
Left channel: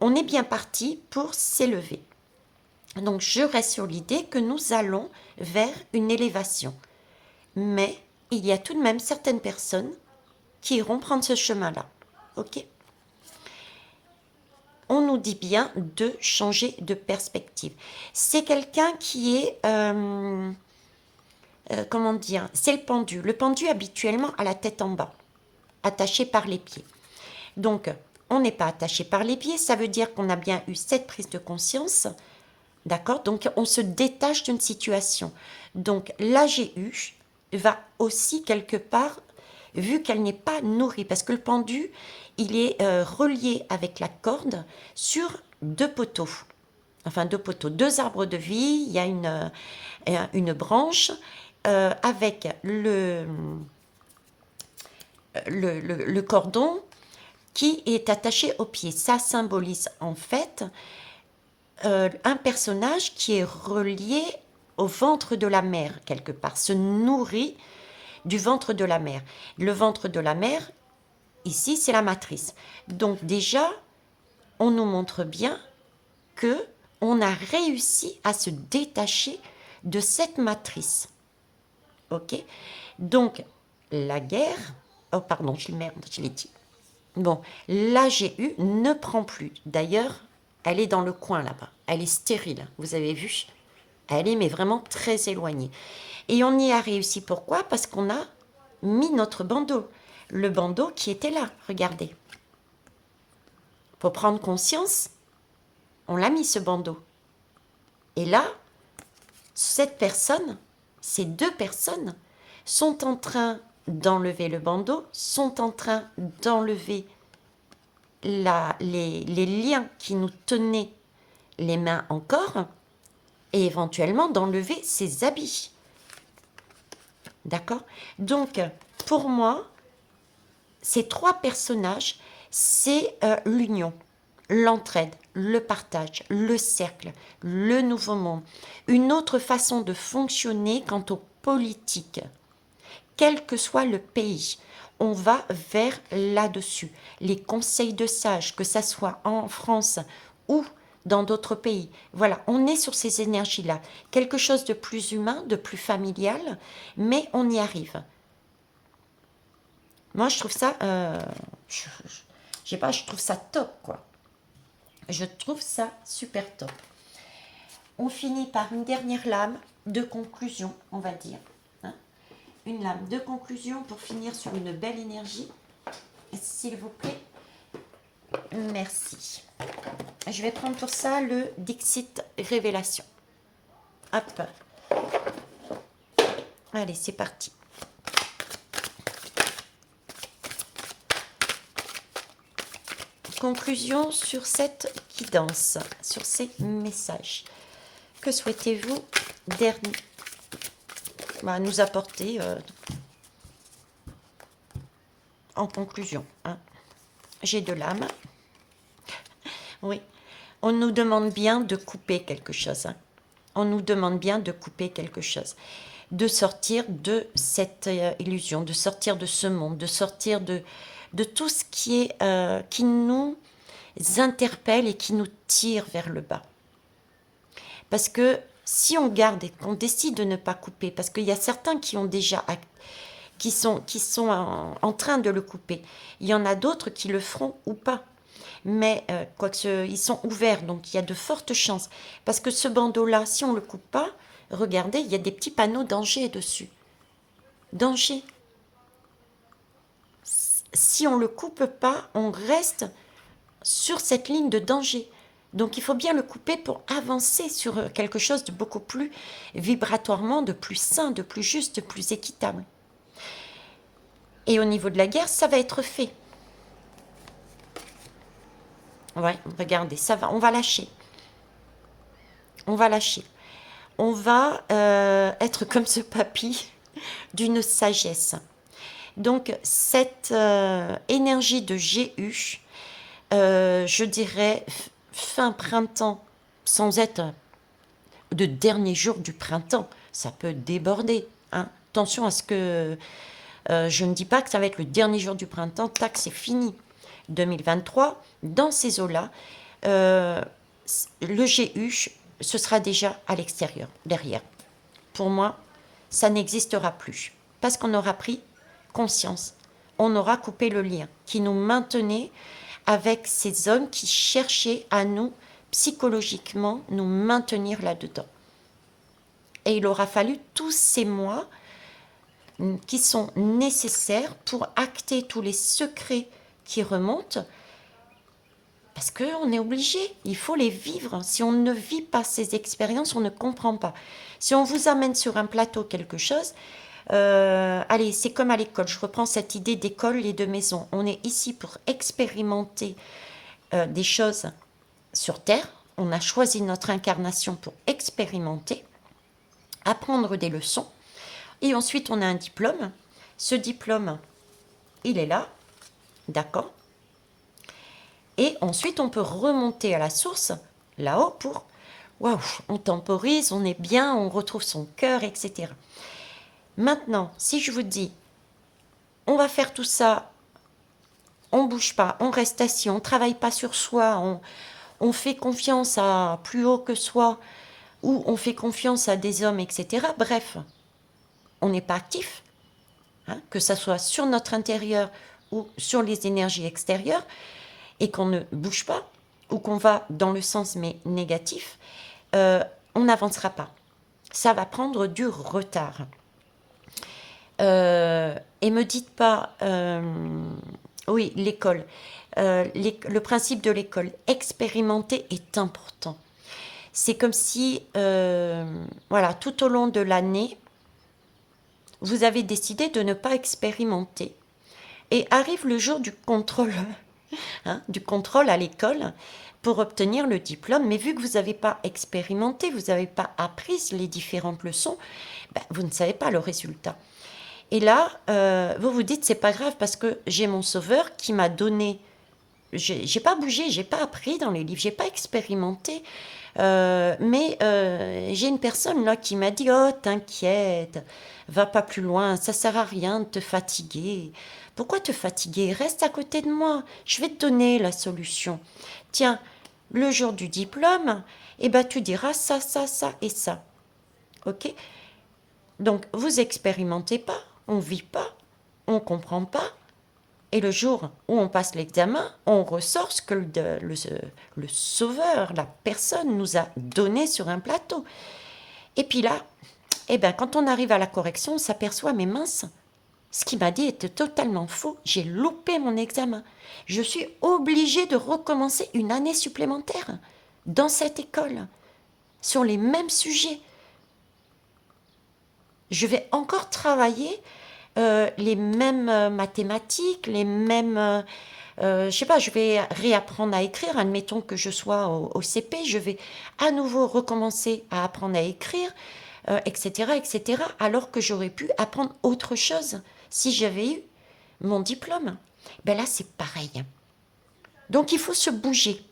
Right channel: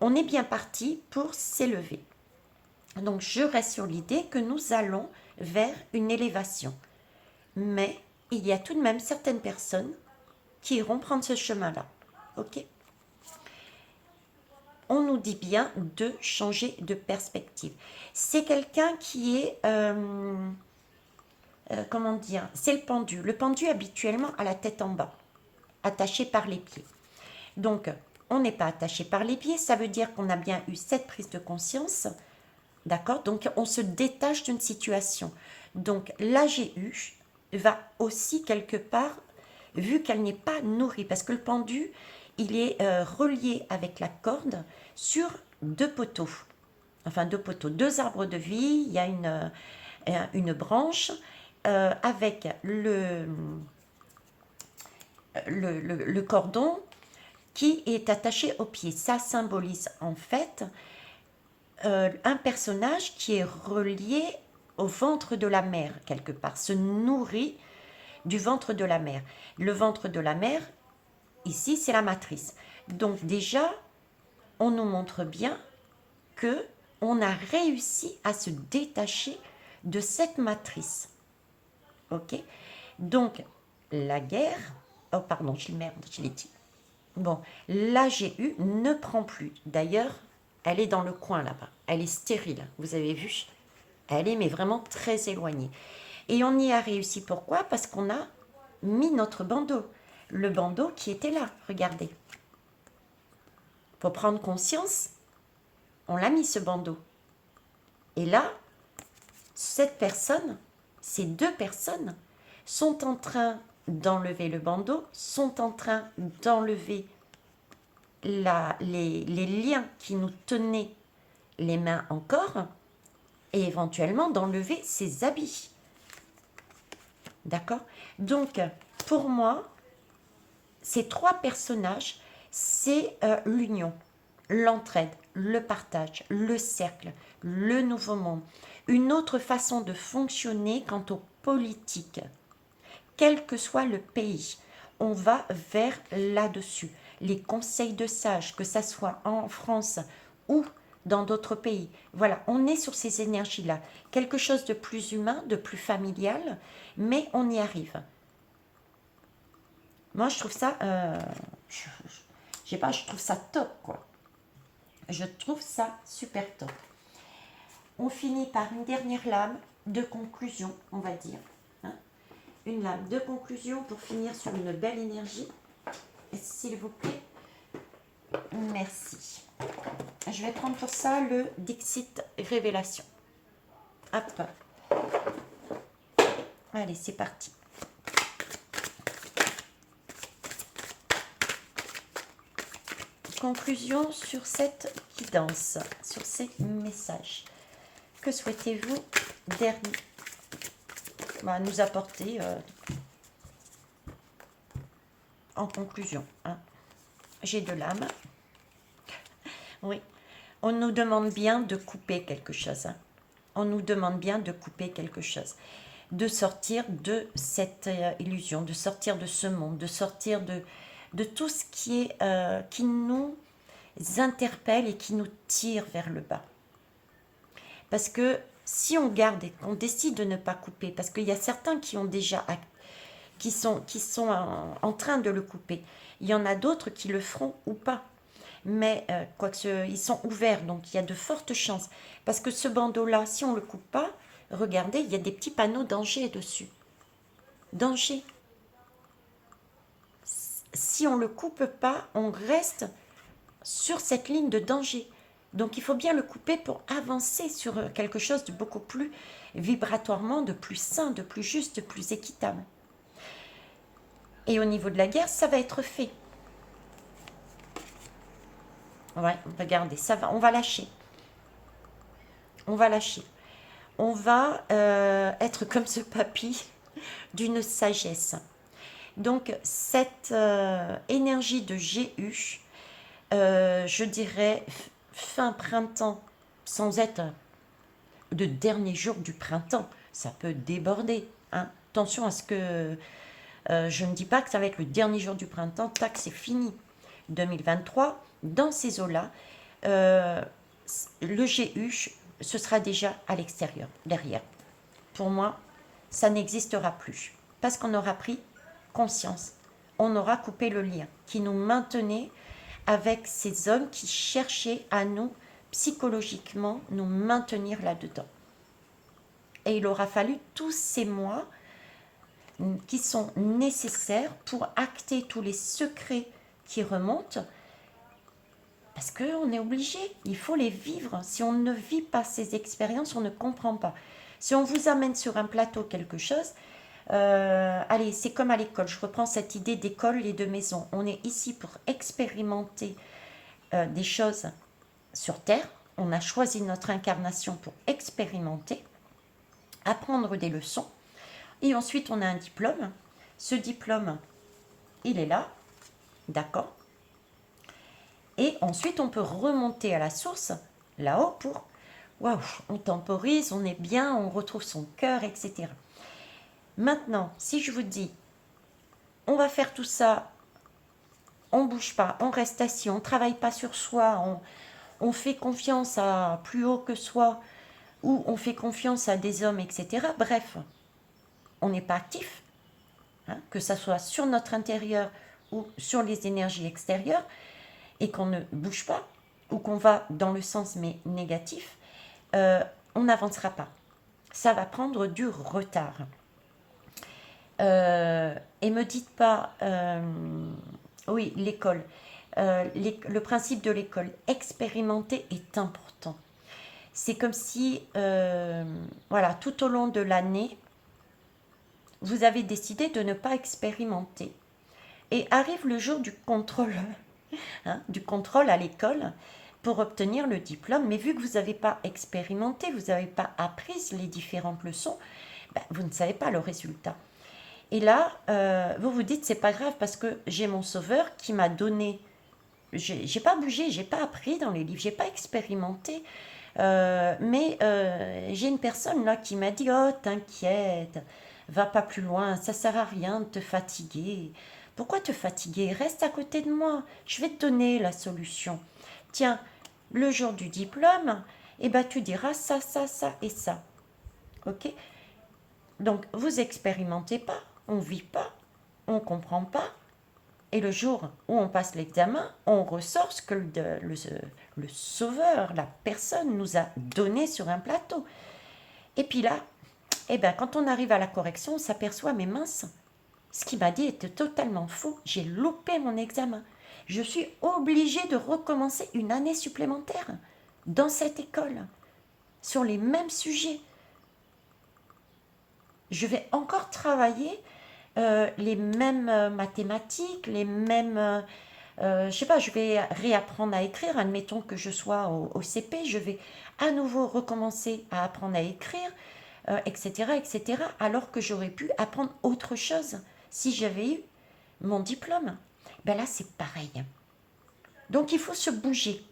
on est bien parti pour s'élever. Donc, je reste sur l'idée que nous allons vers une élévation. Mais il y a tout de même certaines personnes qui iront prendre ce chemin-là. Ok? On nous dit bien de changer de perspective. C'est quelqu'un qui est comment dire, c'est le pendu. Le pendu habituellement a la tête en bas, attaché par les pieds. Donc, on n'est pas attaché par les pieds, ça veut dire qu'on a bien eu cette prise de conscience, d'accord? Donc, on se détache d'une situation. Donc, l'AGU va aussi quelque part, vu qu'elle n'est pas nourrie, parce que le pendu, il est relié avec la corde sur deux poteaux. Enfin, deux poteaux, deux arbres de vie, il y a une branche avec le cordon qui est attaché au pied. Ça symbolise en fait un personnage qui est relié au ventre de la mer, quelque part, se nourrit du ventre de la mer. Le ventre de la mer, ici, c'est la matrice. Donc déjà, on nous montre bien que on a réussi à se détacher de cette matrice. Ok? Donc, la guerre... Oh, pardon, je l'ai dit. Bon, l'AGU ne prend plus. D'ailleurs, elle est dans le coin là-bas. Elle est stérile, vous avez vu? Elle est mais vraiment très éloignée. Et on y a réussi. Pourquoi? Parce qu'on a mis notre bandeau. Le bandeau qui était là, regardez. Pour prendre conscience, on l'a mis ce bandeau. Et là, cette personne, ces deux personnes, sont en train d'enlever le bandeau, sont en train d'enlever les liens qui nous tenaient les mains encore et éventuellement d'enlever ses habits. D'accord? Donc, pour moi, ces trois personnages, c'est l'union, l'entraide, le partage, le cercle, le nouveau monde. Une autre façon de fonctionner quant aux politiques. Quel que soit le pays, on va vers là-dessus. Les conseils de sages, que ça soit en France ou dans d'autres pays. Voilà, on est sur ces énergies-là. Quelque chose de plus humain, de plus familial, mais on y arrive. Moi, je trouve ça, je sais pas, je trouve ça top, quoi. Je trouve ça super top. On finit par une dernière lame de conclusion, on va dire. Hein. Une lame de conclusion pour finir sur une belle énergie. S'il vous plaît. Merci. Je vais prendre pour ça le Dixit Révélation. Hop. Allez, c'est parti. Conclusion sur cette guidance, sur ces messages. Que souhaitez-vous nous apporter en conclusion, hein? J'ai de l'âme. Oui. On nous demande bien de couper quelque chose. Hein. On nous demande bien de couper quelque chose. De sortir de cette illusion, de sortir de ce monde, de sortir de tout ce qui nous interpelle et qui nous tire vers le bas. Parce que si on garde et qu'on décide de ne pas couper, parce qu'il y a certains qui ont déjà qui sont en train de le couper, il y en a d'autres qui le feront ou pas. Mais ils sont ouverts, donc il y a de fortes chances. Parce que ce bandeau-là, si on ne le coupe pas, regardez, il y a des petits panneaux danger dessus. Danger. Si on ne le coupe pas, on reste sur cette ligne de danger. Donc il faut bien le couper pour avancer sur quelque chose de beaucoup plus vibratoirement, de plus sain, de plus juste, de plus équitable. Et au niveau de la guerre, ça va être fait. Ouais, regardez, ça va, on va lâcher. On va lâcher. On va être comme ce papy d'une sagesse. Donc cette énergie de GU, je dirais fin printemps, sans être de dernier jour du printemps, ça peut déborder. Hein. Attention à ce que je ne dis pas que ça va être le dernier jour du printemps, tac, c'est fini. 2023, dans ces eaux-là, le GU, ce sera déjà à l'extérieur, derrière. Pour moi, ça n'existera plus. Parce qu'on aura pris conscience. On aura coupé le lien qui nous maintenait avec ces hommes qui cherchaient à nous, psychologiquement, nous maintenir là-dedans. Et il aura fallu tous ces mois qui sont nécessaires pour acter tous les secrets qui remontent, parce qu'on est obligé, il faut les vivre. Si on ne vit pas ces expériences, on ne comprend pas. Si on vous amène sur un plateau quelque chose, allez, c'est comme à l'école, je reprends cette idée d'école et de maison. On est ici pour expérimenter des choses sur Terre. On a choisi notre incarnation pour expérimenter, apprendre des leçons. Et ensuite, on a un diplôme. Ce diplôme, il est là, d'accord. Et ensuite, on peut remonter à la source, là-haut, pour, waouh, on temporise, on est bien, on retrouve son cœur, etc. Maintenant, si je vous dis, on va faire tout ça, on bouge pas, on reste assis, on travaille pas sur soi, on fait confiance à plus haut que soi, ou on fait confiance à des hommes, etc. Bref, on n'est pas actif, hein, que ça soit sur notre intérieur ou sur les énergies extérieures, et qu'on ne bouge pas, ou qu'on va dans le sens mais négatif, on n'avancera pas. Ça va prendre du retard. Et me dites pas, oui, l'école, le principe de l'école, expérimenter est important. C'est comme si, voilà, tout au long de l'année, vous avez décidé de ne pas expérimenter. Et arrive le jour du contrôle, hein, du contrôle à l'école pour obtenir le diplôme. Mais vu que vous n'avez pas expérimenté, vous n'avez pas appris les différentes leçons, ben, vous ne savez pas le résultat. Et là, vous vous dites, c'est pas grave parce que j'ai mon sauveur qui m'a donné. J'ai pas bougé, j'ai pas appris dans les livres, j'ai pas expérimenté. Mais j'ai une personne là qui m'a dit, oh, t'inquiète, va pas plus loin, ça sert à rien de te fatiguer. Pourquoi te fatiguer? Reste à côté de moi, je vais te donner la solution. Tiens, le jour du diplôme, eh ben, tu diras ça, ça, ça et ça. Ok? Donc, vous expérimentez pas, on vit pas, on comprend pas. Et le jour où on passe l'examen, on ressort ce que le sauveur, la personne nous a donné sur un plateau. Et puis là, eh ben, quand on arrive à la correction, on s'aperçoit, mais mince, ce qu'il m'a dit était totalement faux. J'ai loupé mon examen. Je suis obligée de recommencer une année supplémentaire dans cette école, sur les mêmes sujets. Je vais encore travailler les mêmes mathématiques, les mêmes... je sais pas, je vais réapprendre à écrire. Admettons que je sois au CP, je vais à nouveau recommencer à apprendre à écrire, etc., etc., alors que j'aurais pu apprendre autre chose si j'avais eu mon diplôme. Ben là, c'est pareil. Donc, il faut se bouger.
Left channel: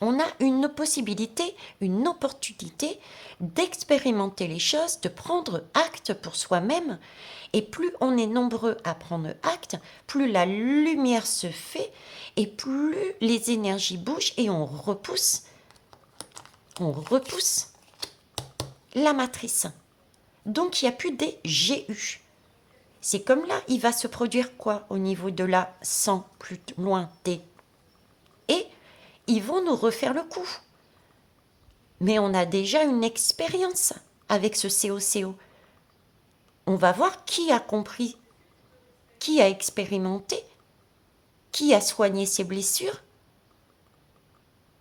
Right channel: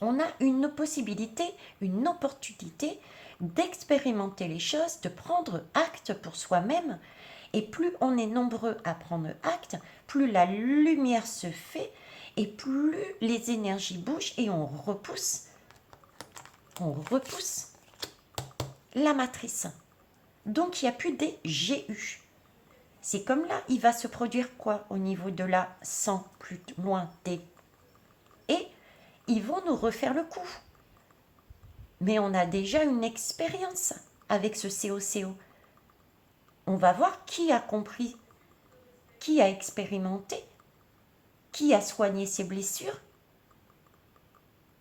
On a une possibilité, une opportunité d'expérimenter les choses, de prendre acte pour soi-même. Et plus on est nombreux à prendre acte, plus la lumière se fait et plus les énergies bougent et on repousse la matrice. Donc il n'y a plus des GU. C'est comme là, il va se produire quoi au niveau de la 100 plus loin T. Et ils vont nous refaire le coup. Mais on a déjà une expérience avec ce COCO. On va voir qui a compris, qui a expérimenté, qui a soigné ses blessures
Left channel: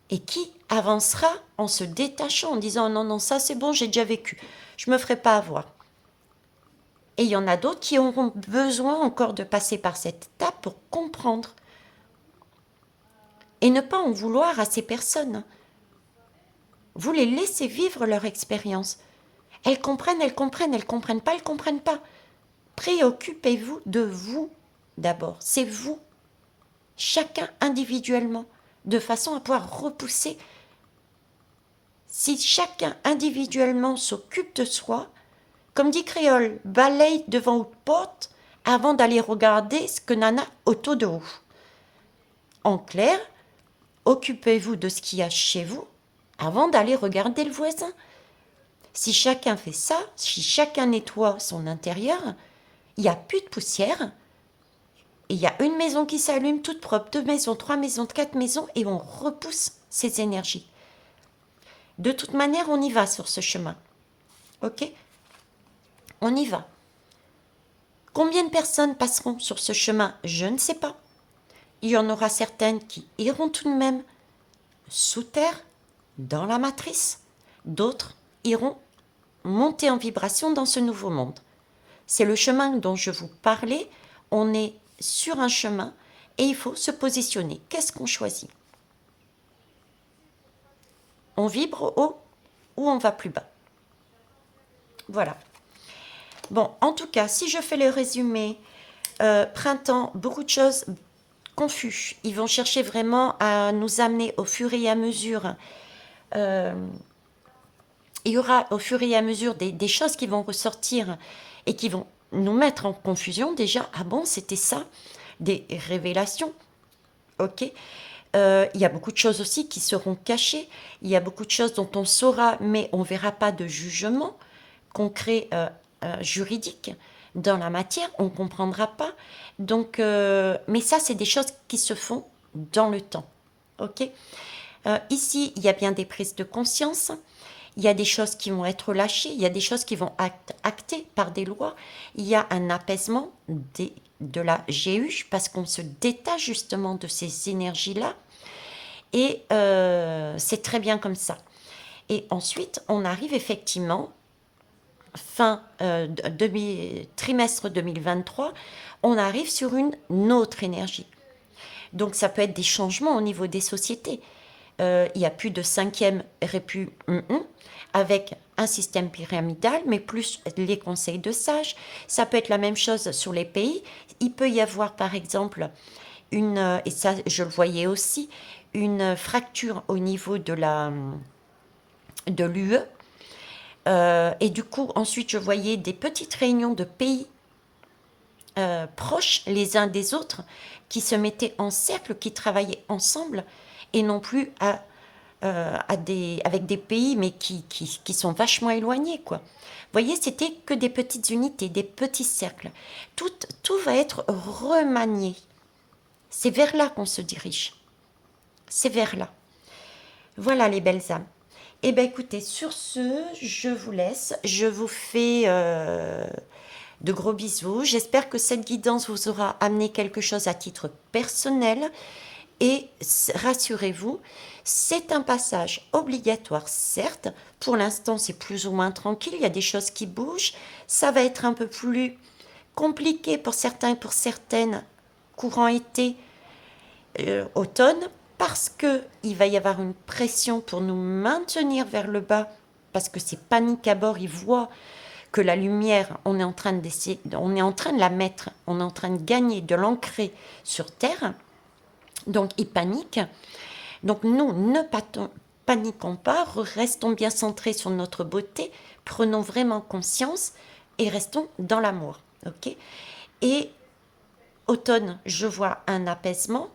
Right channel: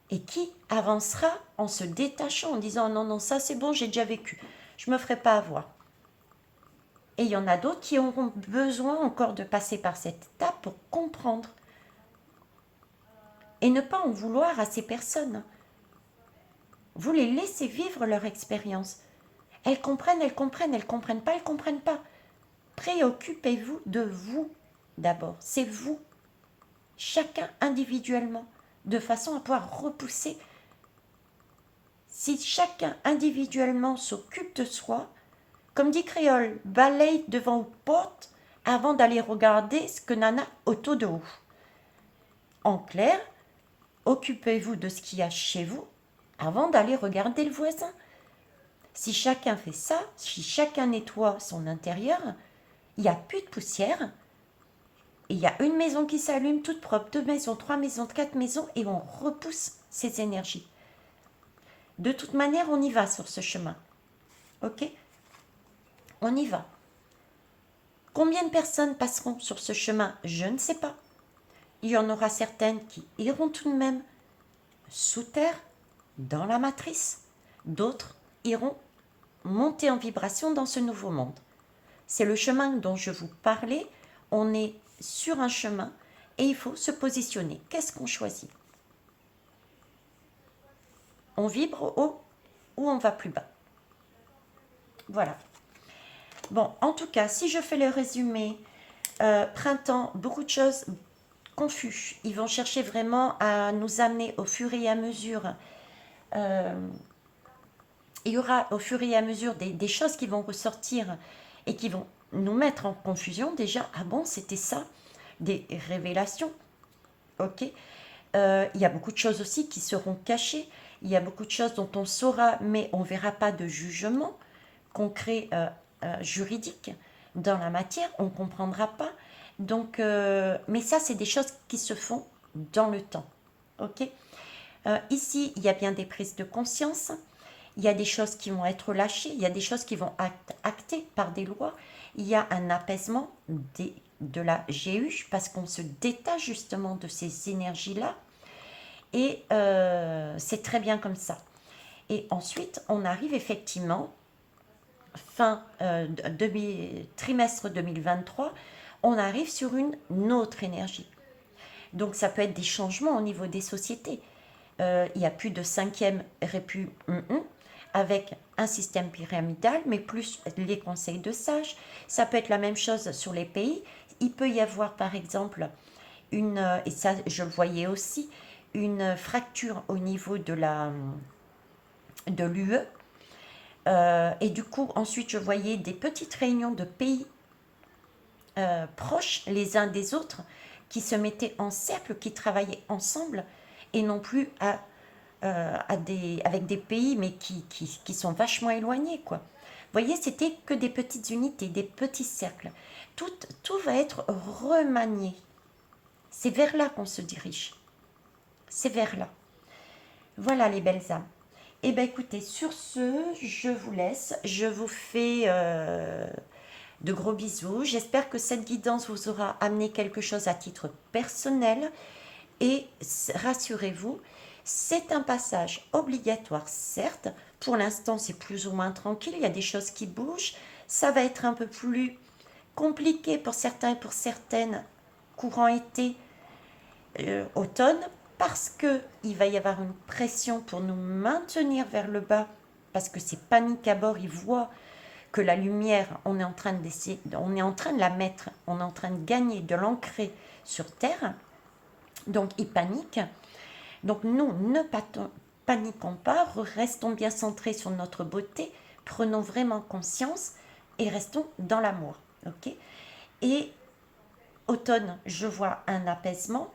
et qui avancera en se détachant, en disant non, non, ça c'est bon, j'ai déjà vécu, je ne me ferai pas avoir. Et il y en a d'autres qui auront besoin encore de passer par cette étape pour comprendre. Et ne pas en vouloir à ces personnes. Vous les laissez vivre leur expérience. Elles comprennent pas, elles comprennent pas. Préoccupez-vous de vous d'abord. C'est vous, chacun individuellement, de façon à pouvoir repousser. Si chacun individuellement s'occupe de soi, comme dit Créole, balaye devant votre porte avant d'aller regarder ce que nana autour de vous. En clair, occupez-vous de ce qu'il y a chez vous avant d'aller regarder le voisin. Si chacun fait ça, si chacun nettoie son intérieur, il n'y a plus de poussière. Et il y a une maison qui s'allume toute propre, 2 maisons, 3 maisons, 4 maisons, et on repousse ces énergies. De toute manière, on y va sur ce chemin. Ok? On y va. Combien de personnes passeront sur ce chemin? Je ne sais pas. Il y en aura certaines qui iront tout de même sous terre, dans la matrice. D'autres iront monter en vibration dans ce nouveau monde. C'est le chemin dont je vous parlais. On est sur un chemin et il faut se positionner. Qu'est-ce qu'on choisit? On vibre haut ou on va plus bas? Voilà. Bon, en tout cas, si je fais le résumé, printemps, beaucoup de choses confus. Ils vont chercher vraiment à nous amener au fur et à mesure. euh, il y aura au fur et à mesure des choses qui vont ressortir et qui vont nous mettre en confusion déjà. Ah bon, c'était ça? Des révélations. Ok. Il y a beaucoup de choses aussi qui seront cachées. Il y a beaucoup de choses dont on saura, mais on ne verra pas de jugement concret juridique dans la matière. On ne comprendra pas. Donc, mais ça, c'est des choses qui se font dans le temps. Ok. Ici, il y a bien des prises de conscience. Il y a des choses qui vont être lâchées. Il y a des choses qui vont être actées par des lois. Il y a un apaisement de la GU parce qu'on se détache justement de ces énergies-là. Et c'est très bien comme ça. Et ensuite, on arrive effectivement, fin trimestre 2023, on arrive sur une autre énergie. Donc ça peut être des changements au niveau des sociétés. Il n'y a plus de cinquième répu avec un système pyramidal, mais plus les conseils de sages. Ça peut être la même chose sur les pays. Il peut y avoir par exemple et ça je le voyais aussi, une fracture au niveau de l'UE. Et du coup, ensuite, je voyais des petites réunions de pays proches les uns des autres qui se mettaient en cercle, qui travaillaient ensemble et non plus avec des pays mais qui sont vachement éloignés, quoi. Vous voyez, c'était que des petites unités, des petits cercles. Tout va être remanié. C'est vers là qu'on se dirige. C'est vers là. Voilà les belles âmes. Eh bien écoutez, sur ce, je vous laisse. Je vous fais de gros bisous. J'espère que cette guidance vous aura amené quelque chose à titre personnel. Et rassurez-vous, c'est un passage obligatoire, certes. Pour l'instant, c'est plus ou moins tranquille. Il y a des choses qui bougent. Ça va être un peu plus compliqué pour certains et pour certaines courant été, automne, parce que il va y avoir une pression pour nous maintenir vers le bas, parce que c'est panique à bord. Ils voient que la lumière, on est en train d'essayer, on est en train de la mettre, on est en train de gagner, de l'ancrer sur Terre. Donc ils paniquent. Donc nous, ne paniquons pas, restons bien centrés sur notre beauté, prenons vraiment conscience et restons dans l'amour. Ok. Et automne, je vois un apaisement.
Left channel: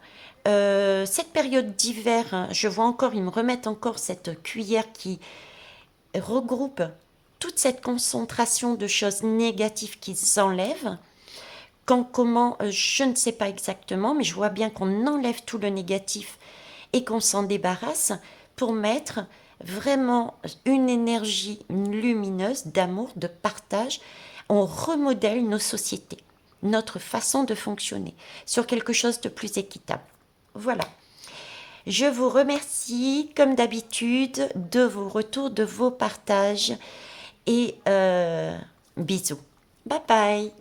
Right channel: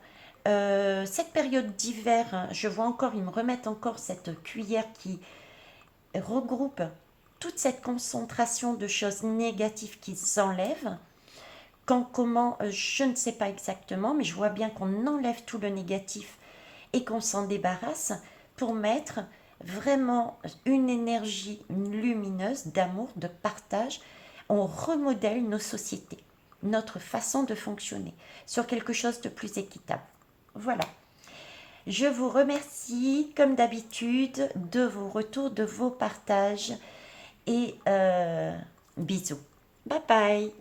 Cette période d'hiver, hein, je vois encore, ils me remettent encore cette cuillère qui regroupe toute cette concentration de choses négatives qu'ils enlèvent. Quand, comment, je ne sais pas exactement, mais je vois bien qu'on enlève tout le négatif et qu'on s'en débarrasse pour mettre vraiment une énergie lumineuse d'amour, de partage. On remodèle nos sociétés, notre façon de fonctionner sur quelque chose de plus équitable. Voilà. Je vous remercie, comme d'habitude, de vos retours, de vos partages et bisous. Bye bye.